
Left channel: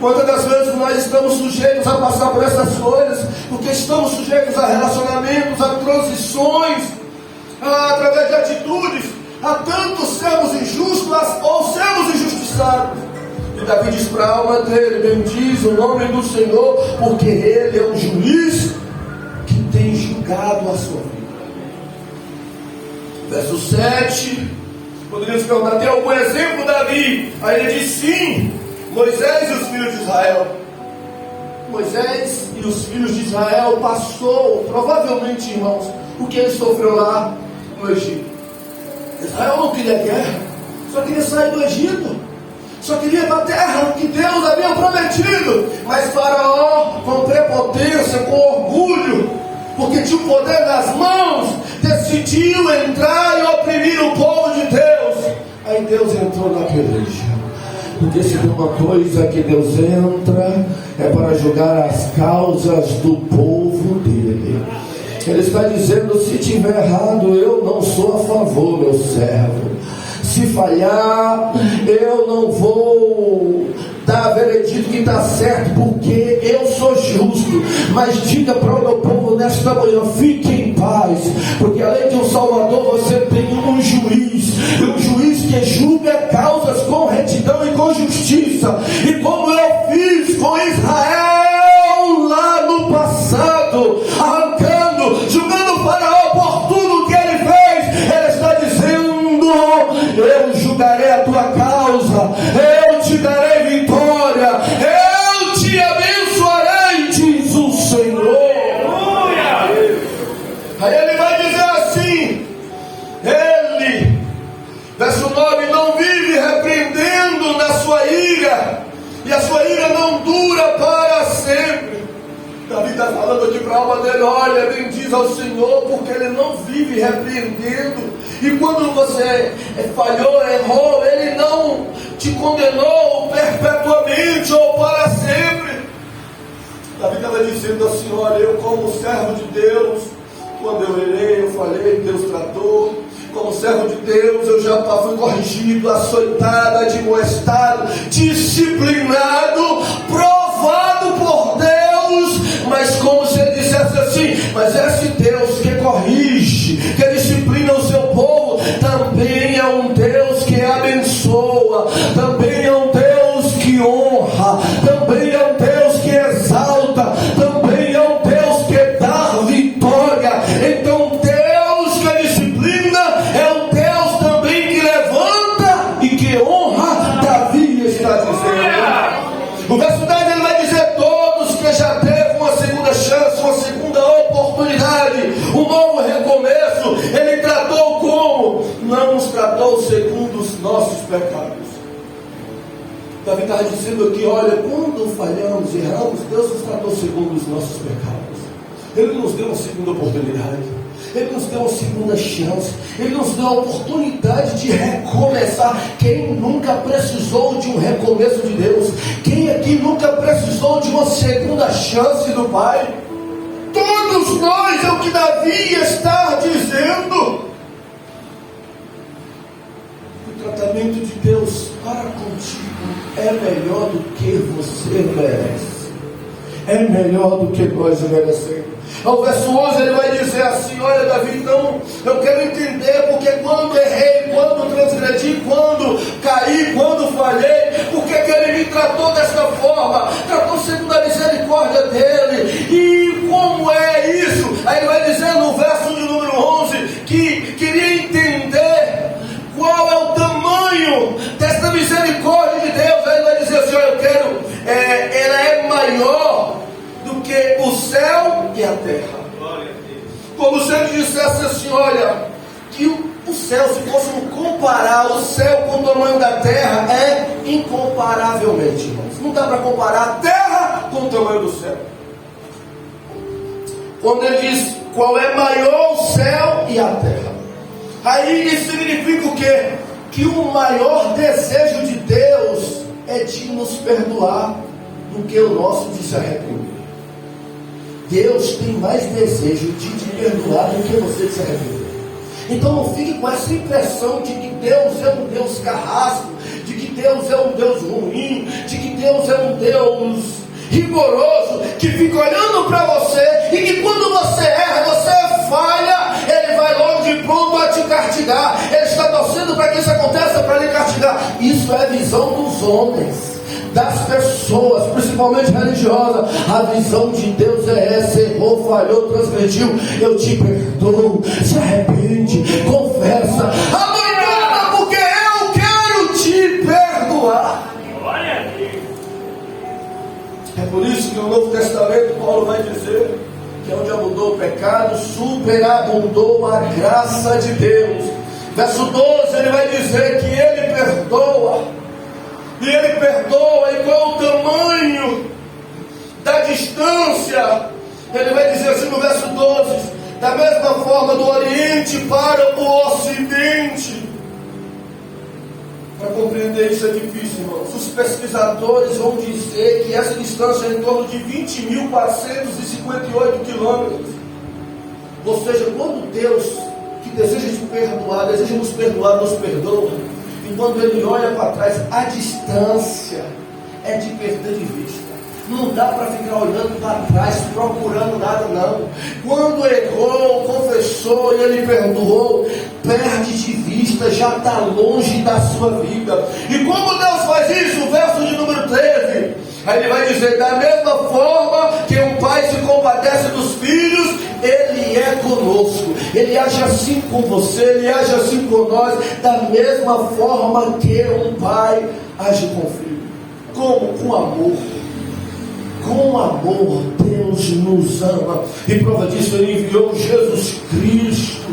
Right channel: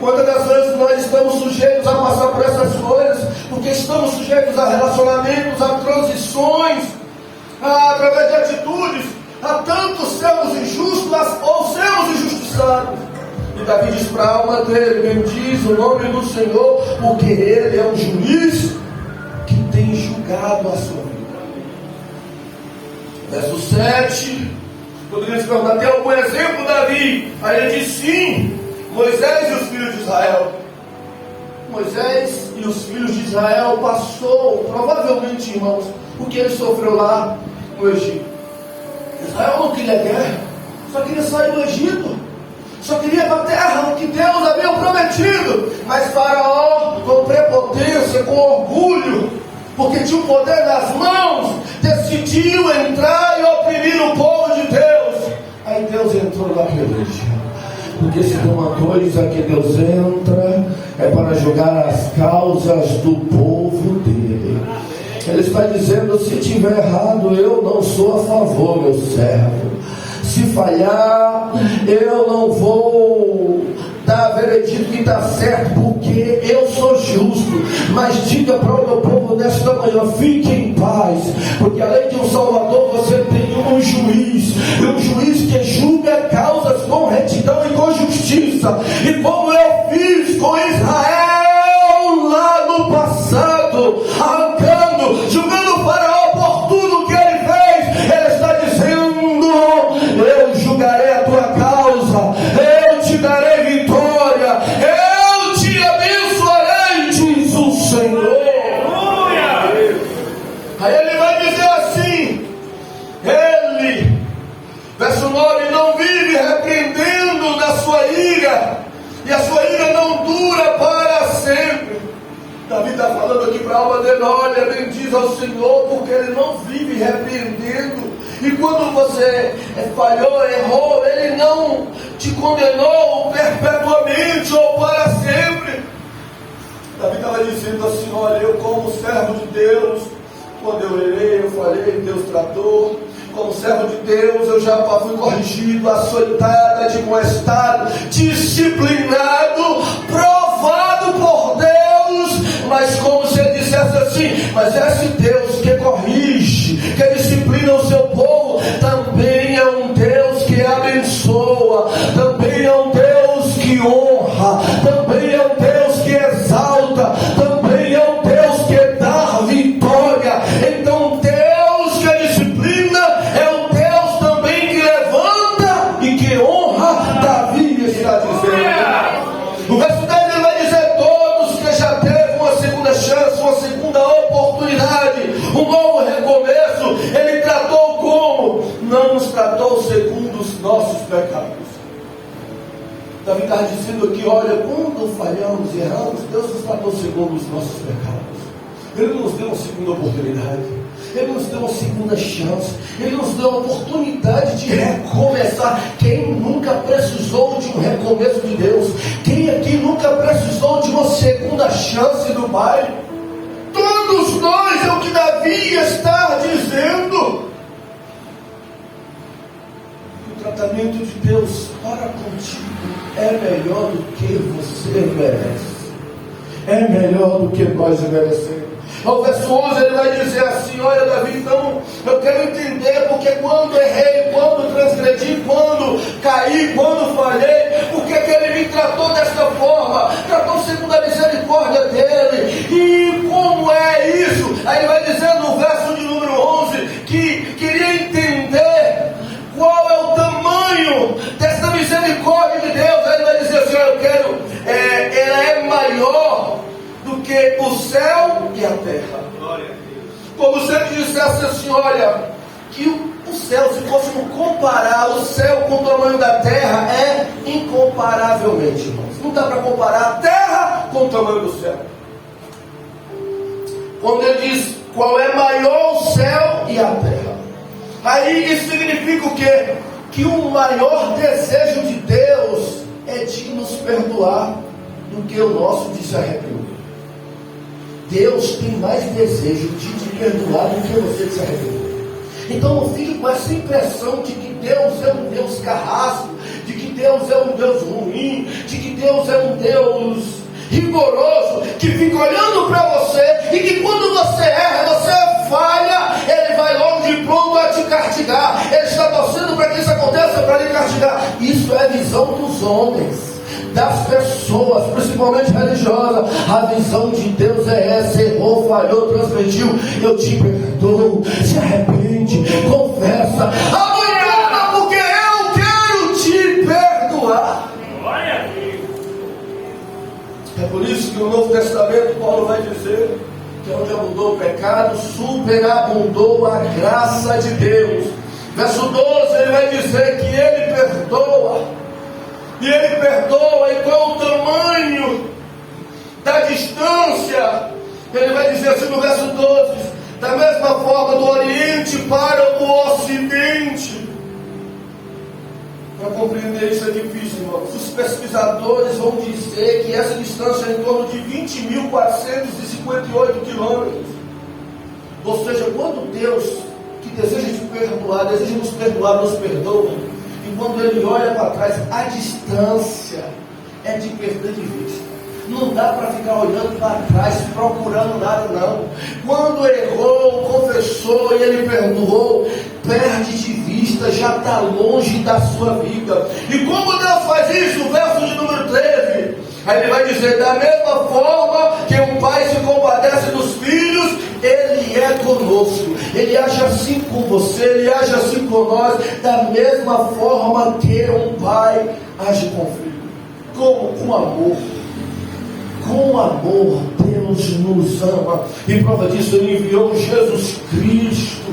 Quantas das vezes nós estamos sujeitos a passar por essas coisas, porque estamos sujeitos a relacionamentos, a transições, através de atitudes, a tanto sermos injustos ou sermos injustiçados. E Davi diz para a alma dele: bendiz o nome do Senhor, porque Ele é um juiz que tem julgado a sua vida. Verso 7, quando ele pergunta: tem algum exemplo, Davi? Aí ele diz: sim, Moisés e os filhos de Israel. Moisés e os filhos de Israel passou, provavelmente, irmãos, o que ele sofreu lá no Egito. Israel não queria guerra, só queria sair do Egito, só queria ir para a terra que Deus havia prometido. Mas Faraó, com prepotência, com orgulho, porque tinha o poder nas mãos, decidiu entrar e oprimir o povo de Deus. Aí Deus entrou na peleja. Porque se tem uma coisa que Deus entra, é para julgar as causas do povo dele. Ele está dizendo: se tiver errado, eu não sou a favor, meu servo. Se falhar, eu não vou dar veredito que está certo, porque eu sou justo. Mas diga para o meu povo nesta manhã: fique em paz, porque além de um Salvador, você tem um juiz, que julga causas com retidão e com justiça. E como eu fiz com Israel lá no passado, arrancando, julgando o Faraó por tudo que ele fez, ele está dizendo: eu julgarei a tua e a sua ira não dura para sempre. Davi está falando aqui para a alma dele: olha, bendiz ao Senhor, porque Ele não vive repreendendo. E quando você falhou, errou, Ele não te condenou perpetuamente ou para sempre. Davi estava dizendo assim: olha, eu como servo de Deus, quando eu errei, eu falhei, Deus tratou. Como servo de Deus, eu já fui corrigido, açoitado, admoestado, disciplinado, provado por Deus. Mas como se ele dissesse assim: mas esse Deus que corrige, que disciplina o seu povo, também é um Deus que abençoa, também é um Deus que honra, também é um Deus que exalta, também é um Deus que dá vitória. Então Deus que disciplina é um Deus também que levanta e que honra. Davi está dizendo. No verso 10 ele vai dizer: todos que já teve uma segunda chance, uma segunda oportunidade, um novo recomeço, Ele tratou como? Não nos tratou segundo os nossos pecados. Davi está dizendo aqui: olha, quando falhamos e erramos, Deus nos tratou segundo os nossos pecados. Ele nos deu uma segunda oportunidade, Ele nos deu uma segunda chance, Ele nos deu a oportunidade de recomeçar. Quem nunca precisou de um recomeço de Deus? Quem aqui nunca precisou de uma segunda chance do Pai? Todos nós, é o que Davi está dizendo. O tratamento de Deus para contigo é melhor do que você merece. É melhor do que nós merecemos. Ao verso 11 ele vai dizer assim: olha, Davi, então eu quero entender porque quando errei, quando transgredi, quando caí, quando falhei, por que Ele me tratou desta forma? Tratou segundo a misericórdia dEle. E como é isso? Aí ele vai dizer no verso de número 11 que queria entender qual é o tamanho desta misericórdia de Deus. Aí ele vai dizer assim: olha, eu quero, ela é maior do que o céu e a terra. Como se ele dissesse assim: olha, que o céu, se fôssemos comparar o céu com o tamanho da terra, é incomparavelmente, irmãos. Não dá para comparar a terra com o tamanho do céu. Quando ele diz qual é maior o céu e a terra, aí isso significa o quê? Que o maior desejo de Deus é de nos perdoar do que o nosso de se arrepender. Deus tem mais desejo de te perdoar do que você se arrepender. Então não fique com essa impressão de que Deus é um Deus carrasco, de que Deus é um Deus ruim, de que Deus é um Deus rigoroso, que fica olhando para você e que quando você erra, você falha, Ele vai logo de pronto a te castigar. Ele está torcendo para que isso aconteça, para lhe castigar. Isso é a visão dos homens, das pessoas, principalmente religiosas. A visão de Deus é essa: errou, falhou, transgrediu, eu te perdoo, se arrepende, confessa, amanhã, porque eu quero te perdoar. É por isso que o Novo Testamento, Paulo vai dizer que onde abundou o pecado, superabundou a graça de Deus. Verso 12 ele vai dizer que Ele perdoa. E Ele perdoa, e qual o tamanho da distância? Ele vai dizer assim no verso 12: da mesma forma do Oriente para o Ocidente. Para compreender isso é difícil, irmãos. Os pesquisadores vão dizer que essa distância é em torno de 20.458 quilômetros. Ou seja, quando Deus, que deseja te perdoar, deseja nos perdoar, nos perdoa, e quando Ele olha para trás, a distância é de perder de vista. Não dá para ficar olhando para trás, procurando nada, não. Quando errou, confessou e Ele perdoou, perde de vista, já está longe da sua vida. E como Deus faz isso? O verso de número 13, aí Ele vai dizer: da mesma forma que um pai se compadece dos filhos, Ele é conosco. Ele age assim com você, Ele age assim com nós, da mesma forma que um pai age com o filho. Como? Com amor. Com amor, Deus nos ama. E prova disso, Ele enviou Jesus Cristo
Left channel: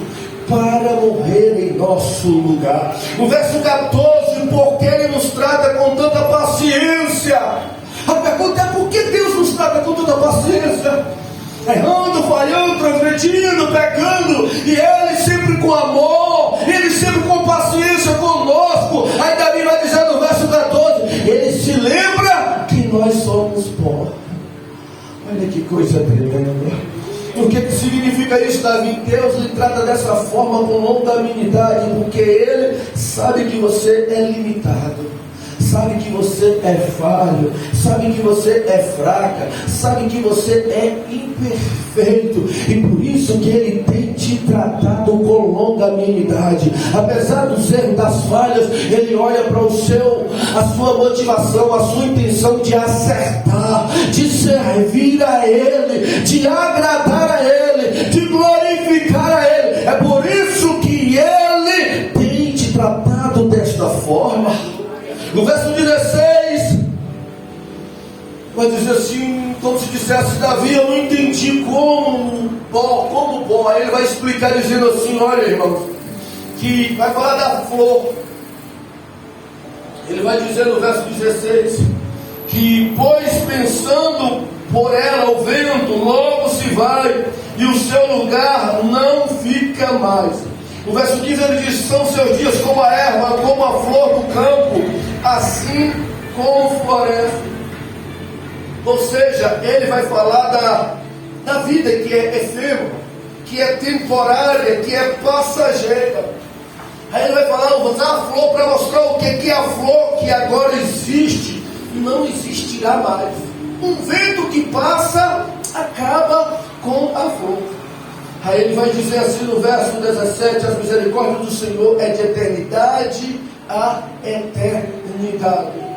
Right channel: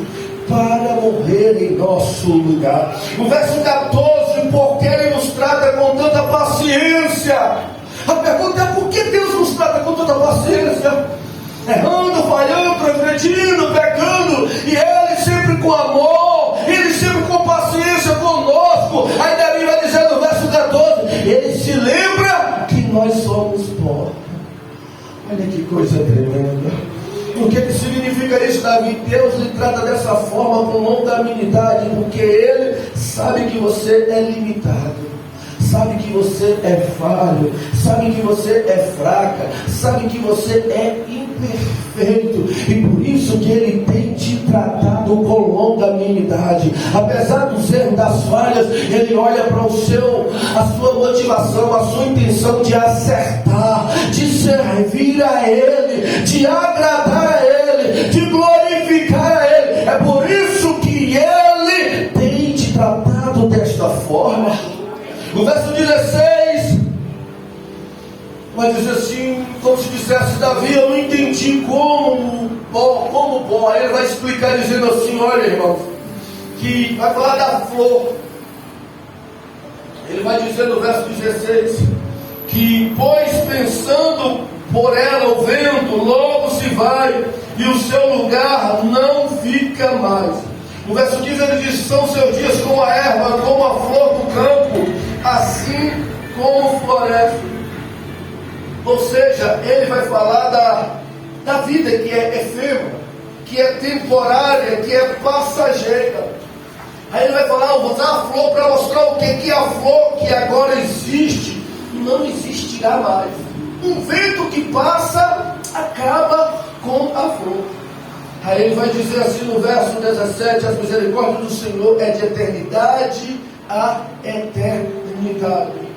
para morrer em nosso lugar. O verso 14: porque Ele nos trata com tanta paciência, A pergunta é: por que Deus nos trata com toda paciência? Errando, falhando, transgredindo, pecando, e Ele sempre com amor, Ele sempre com paciência conosco. Aí Davi vai dizer no verso 14: Ele se lembra que nós somos pó. Olha que coisa tremenda. O que significa isso, Davi? Deus lhe trata dessa forma com longanimidade, porque Ele sabe que você é limitado, sabe que você é falho, sabe que você é fraca, sabe que você é imperfeito, e por isso que Ele tem te tratado com longanimidade. Apesar dos erros, das falhas, Ele olha para a sua motivação, a sua intenção de acertar, de servir a Ele, de agradar a Ele, de glorificar a Ele. É por isso que Ele tem te tratado desta forma. No verso 16, vai dizer assim, como se dissesse: Davi, eu não entendi como bom. Aí ele vai explicar dizendo assim: olha, irmãos, que vai falar da flor. Ele vai dizer no verso 16, que pois pensando por ela o vento logo se vai, e o seu lugar não fica mais. No verso 15 ele diz: são seus dias como a erva, como a flor do campo, assim como floresce. Ou seja, ele vai falar da vida que é efêmera, que é temporária, que é passageira. Aí ele vai falar: vou usar a flor para mostrar o que é a flor que agora existe e não existirá mais. Um vento que passa acaba com a flor. Aí ele vai dizer assim no verso 17: a misericórdia do Senhor é de eternidade a eternidade.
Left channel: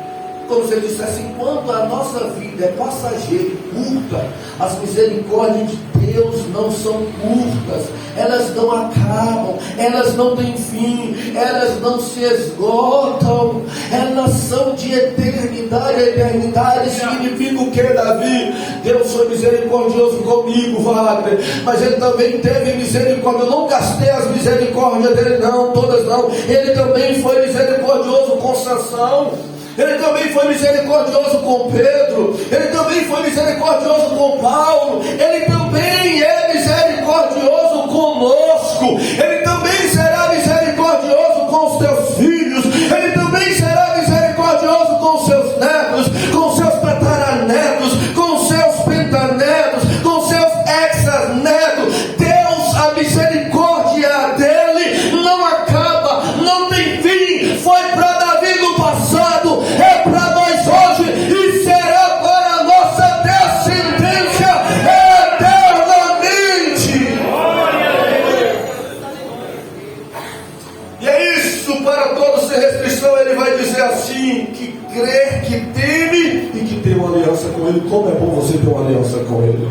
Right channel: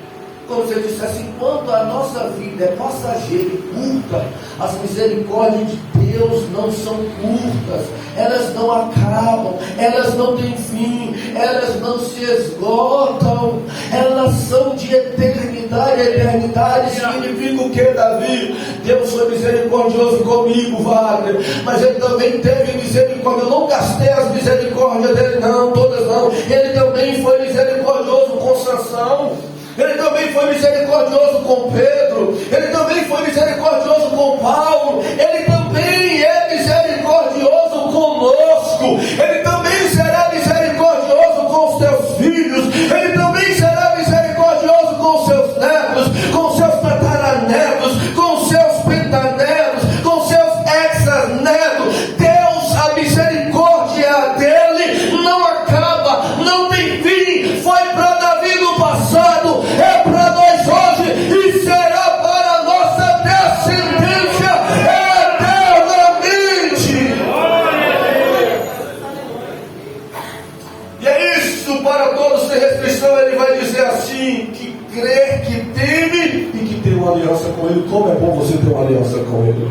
Como se ele dissesse: enquanto a nossa vida é passageira e curta, as misericórdias de Deus não são curtas, elas não acabam, elas não têm fim, elas não se esgotam, elas são de eternidade a eternidade. Significa o que, Davi? Deus foi misericordioso comigo, Wagner, mas Ele também teve misericórdia. Eu não gastei as misericórdias dele, não, todas não. Ele também foi misericordioso com Sansão. Ele também foi misericordioso com Pedro. Ele também foi misericordioso com Paulo. Ele também é misericordioso conosco. Ele também será misericordioso com os teus filhos. Ele também será misericordioso com os seus netos, com os seus tataranetos, com os seus pentanetos, com os seus hexanetos. Deus, a misericórdia dele não acaba, não tem fim. Foi para Davi no passado, é para nós hoje e será para a nossa descendência eternamente. E é isso, para todos sem restrição. Ele vai dizer assim: que crê, que teme e que tem uma aliança com Ele. Como é bom você ter uma aliança com Ele.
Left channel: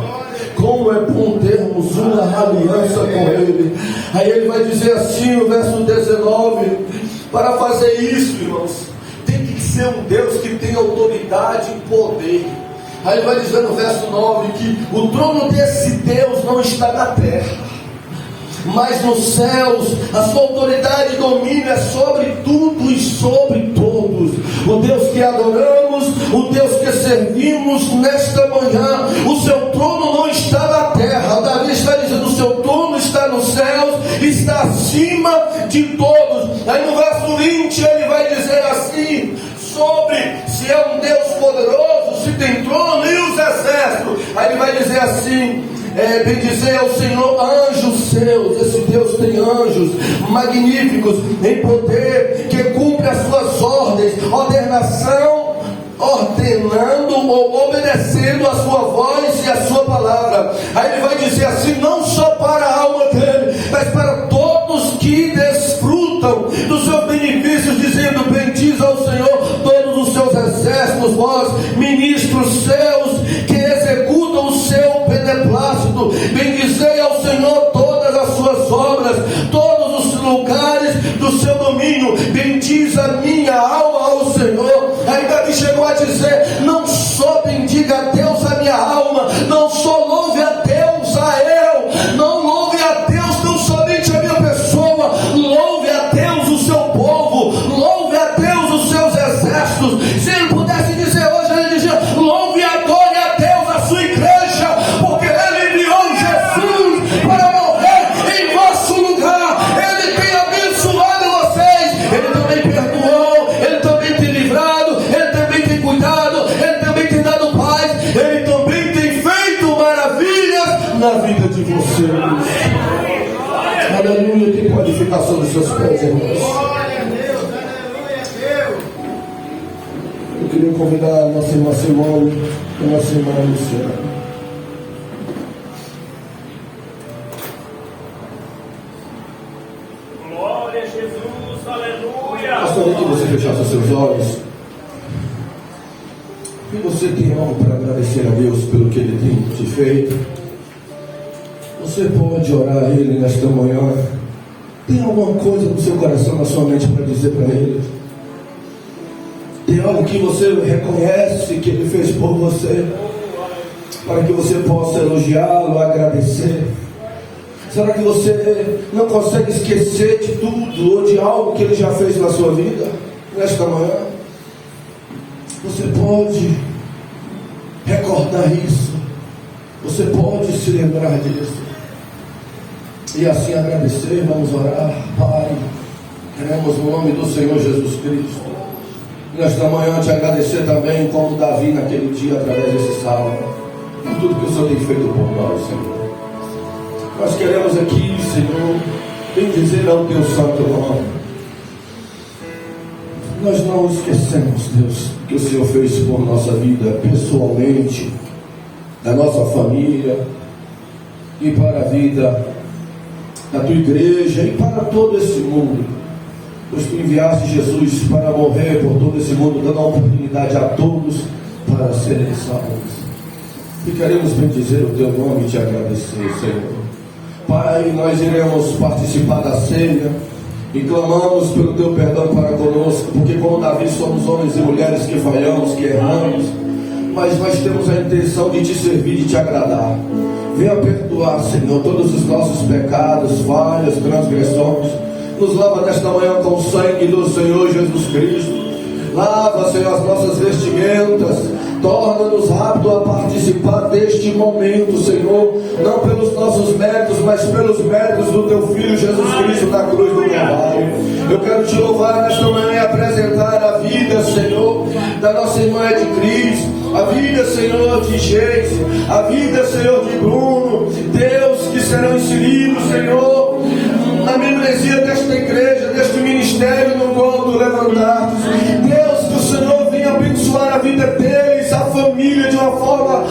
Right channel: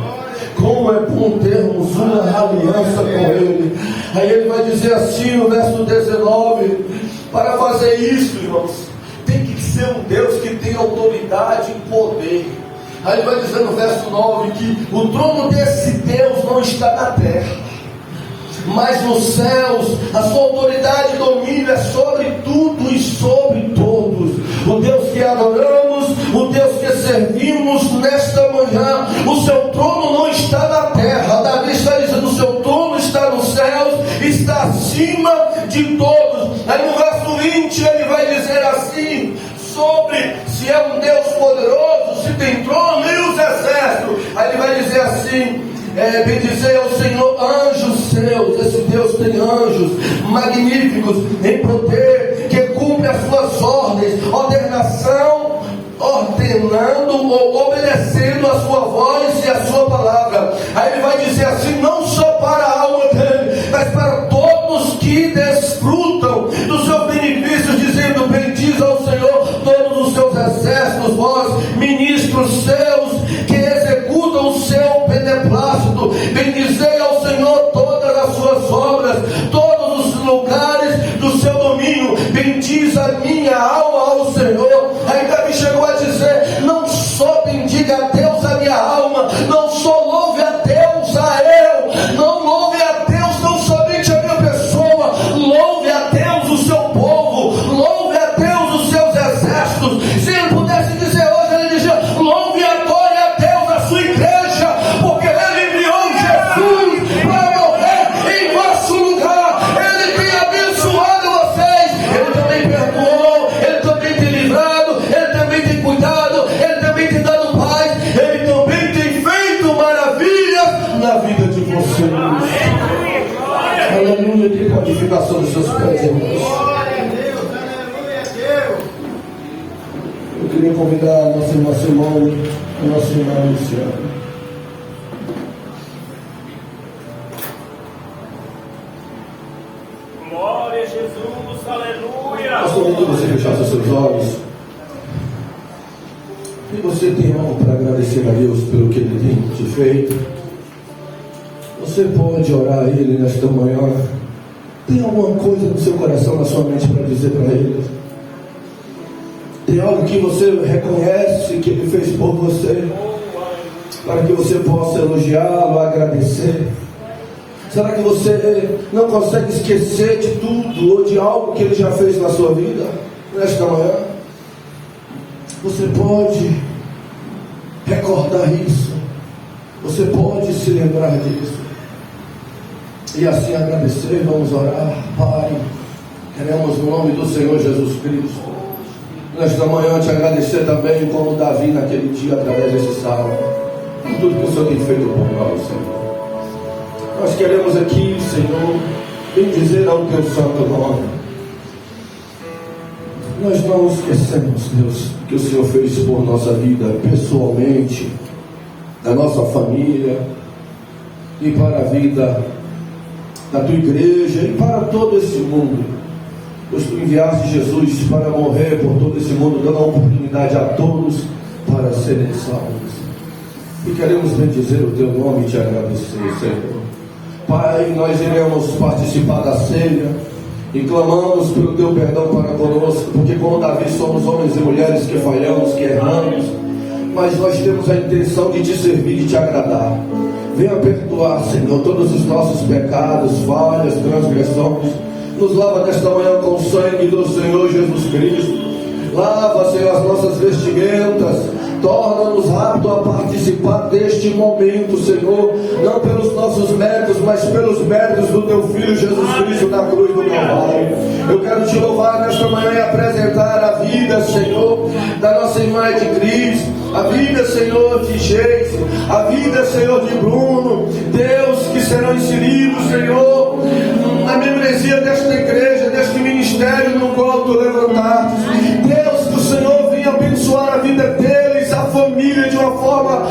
Como é bom termos uma aliança com Ele. Aí ele vai dizer assim no verso 19: para fazer isso, irmãos, tem que ser um Deus que tem autoridade e poder. Aí ele vai dizer no verso 9 que o trono desse Deus não está na terra, mas nos céus. A sua autoridade e domínio é sobre tudo e sobre todos. O Deus que adoramos, o Deus que servimos nesta manhã, o seu trono não está na terra. Davi está dizendo: o seu trono está nos céus, está acima de todos. Aí no verso 20 ele vai dizer assim sobre se é um Deus poderoso, se tem trono e os exércitos. Aí ele vai dizer assim: bendizer ao Senhor anjos seus. Esse Deus tem anjos magníficos em poder, que cumpre as suas ordens, ordenando ou obedecendo a sua voz e a sua palavra. Aí ele vai dizer assim: não só para a alma dele, mas para todos que desfrutam dos seus benefícios, dizendo: bendiz ao Senhor todos os seus exércitos, vós ministros seus, que executam o seu beneplácito. Bendizei ao Senhor todas as suas obras, todos os lugares do seu domínio. Bendiz a minha alma ao Senhor. Aí Davi chegou a dizer: não só bendiga a Deus a minha alma, não só louve a Deus a eu, não louve a Deus não somente a minha pessoa, louve a Deus o seu povo, louve a Deus os seus exércitos. Se ele pudesse dizer hoje Eu queria convidar a nossa irmã Simone, a nossa irmã Luciana. Glória a Jesus, aleluia. Gostaria que você fechasse seus olhos. E você tem algo para agradecer a Deus pelo que Ele tem te feito. Você pode orar a Ele nesta manhã. Tem alguma coisa no seu coração, na sua mente para dizer para Ele? Tem algo que você reconhece que Ele fez por você, para que você possa elogiá-lo, agradecer? Será que você não consegue esquecer de tudo ou de algo que Ele já fez na sua vida nesta manhã? Você pode recordar isso. Você pode se lembrar disso. E assim agradecer. Vamos orar. Pai, queremos no nome do Senhor Jesus Cristo, nesta manhã te agradecer também, como Davi naquele dia, através desse salmo, por tudo que o Senhor tem feito por nós, Senhor. Nós queremos aqui, Senhor, bendizer ao teu santo nome. Nós não esquecemos, Deus, que o Senhor fez por nossa vida, pessoalmente, da nossa família, e para a vida da tua igreja e para todo esse mundo. Pois tu enviaste Jesus para morrer por todo esse mundo, dando a oportunidade a todos para serem salvos. E queremos bendizer o teu nome e te agradecer, Senhor. Pai, nós iremos participar da ceia e clamamos pelo teu perdão para conosco, porque como Davi somos homens e mulheres que falhamos, que erramos, mas nós temos a intenção de te servir e te agradar. Venha perdoar, Senhor, todos os nossos pecados, falhas, transgressões. Nos lava nesta manhã com o sangue do Senhor Jesus Cristo. Lava, Senhor, as nossas vestimentas. Torna-nos aptos a participar deste momento, Senhor, não pelos nossos méritos, mas pelos méritos do teu Filho Jesus Cristo na cruz do Calvário. Eu quero te louvar nesta manhã e apresentar a vida, Senhor, da nossa irmã de Cristo, a vida, Senhor, de Geise, a vida, Senhor, de Bruno, Deus, que serão inseridos, Senhor, na membresia desta igreja, deste ministério, no qual tu levantaste. Deus, que o Senhor venha abençoar a vida deles, a família, de uma forma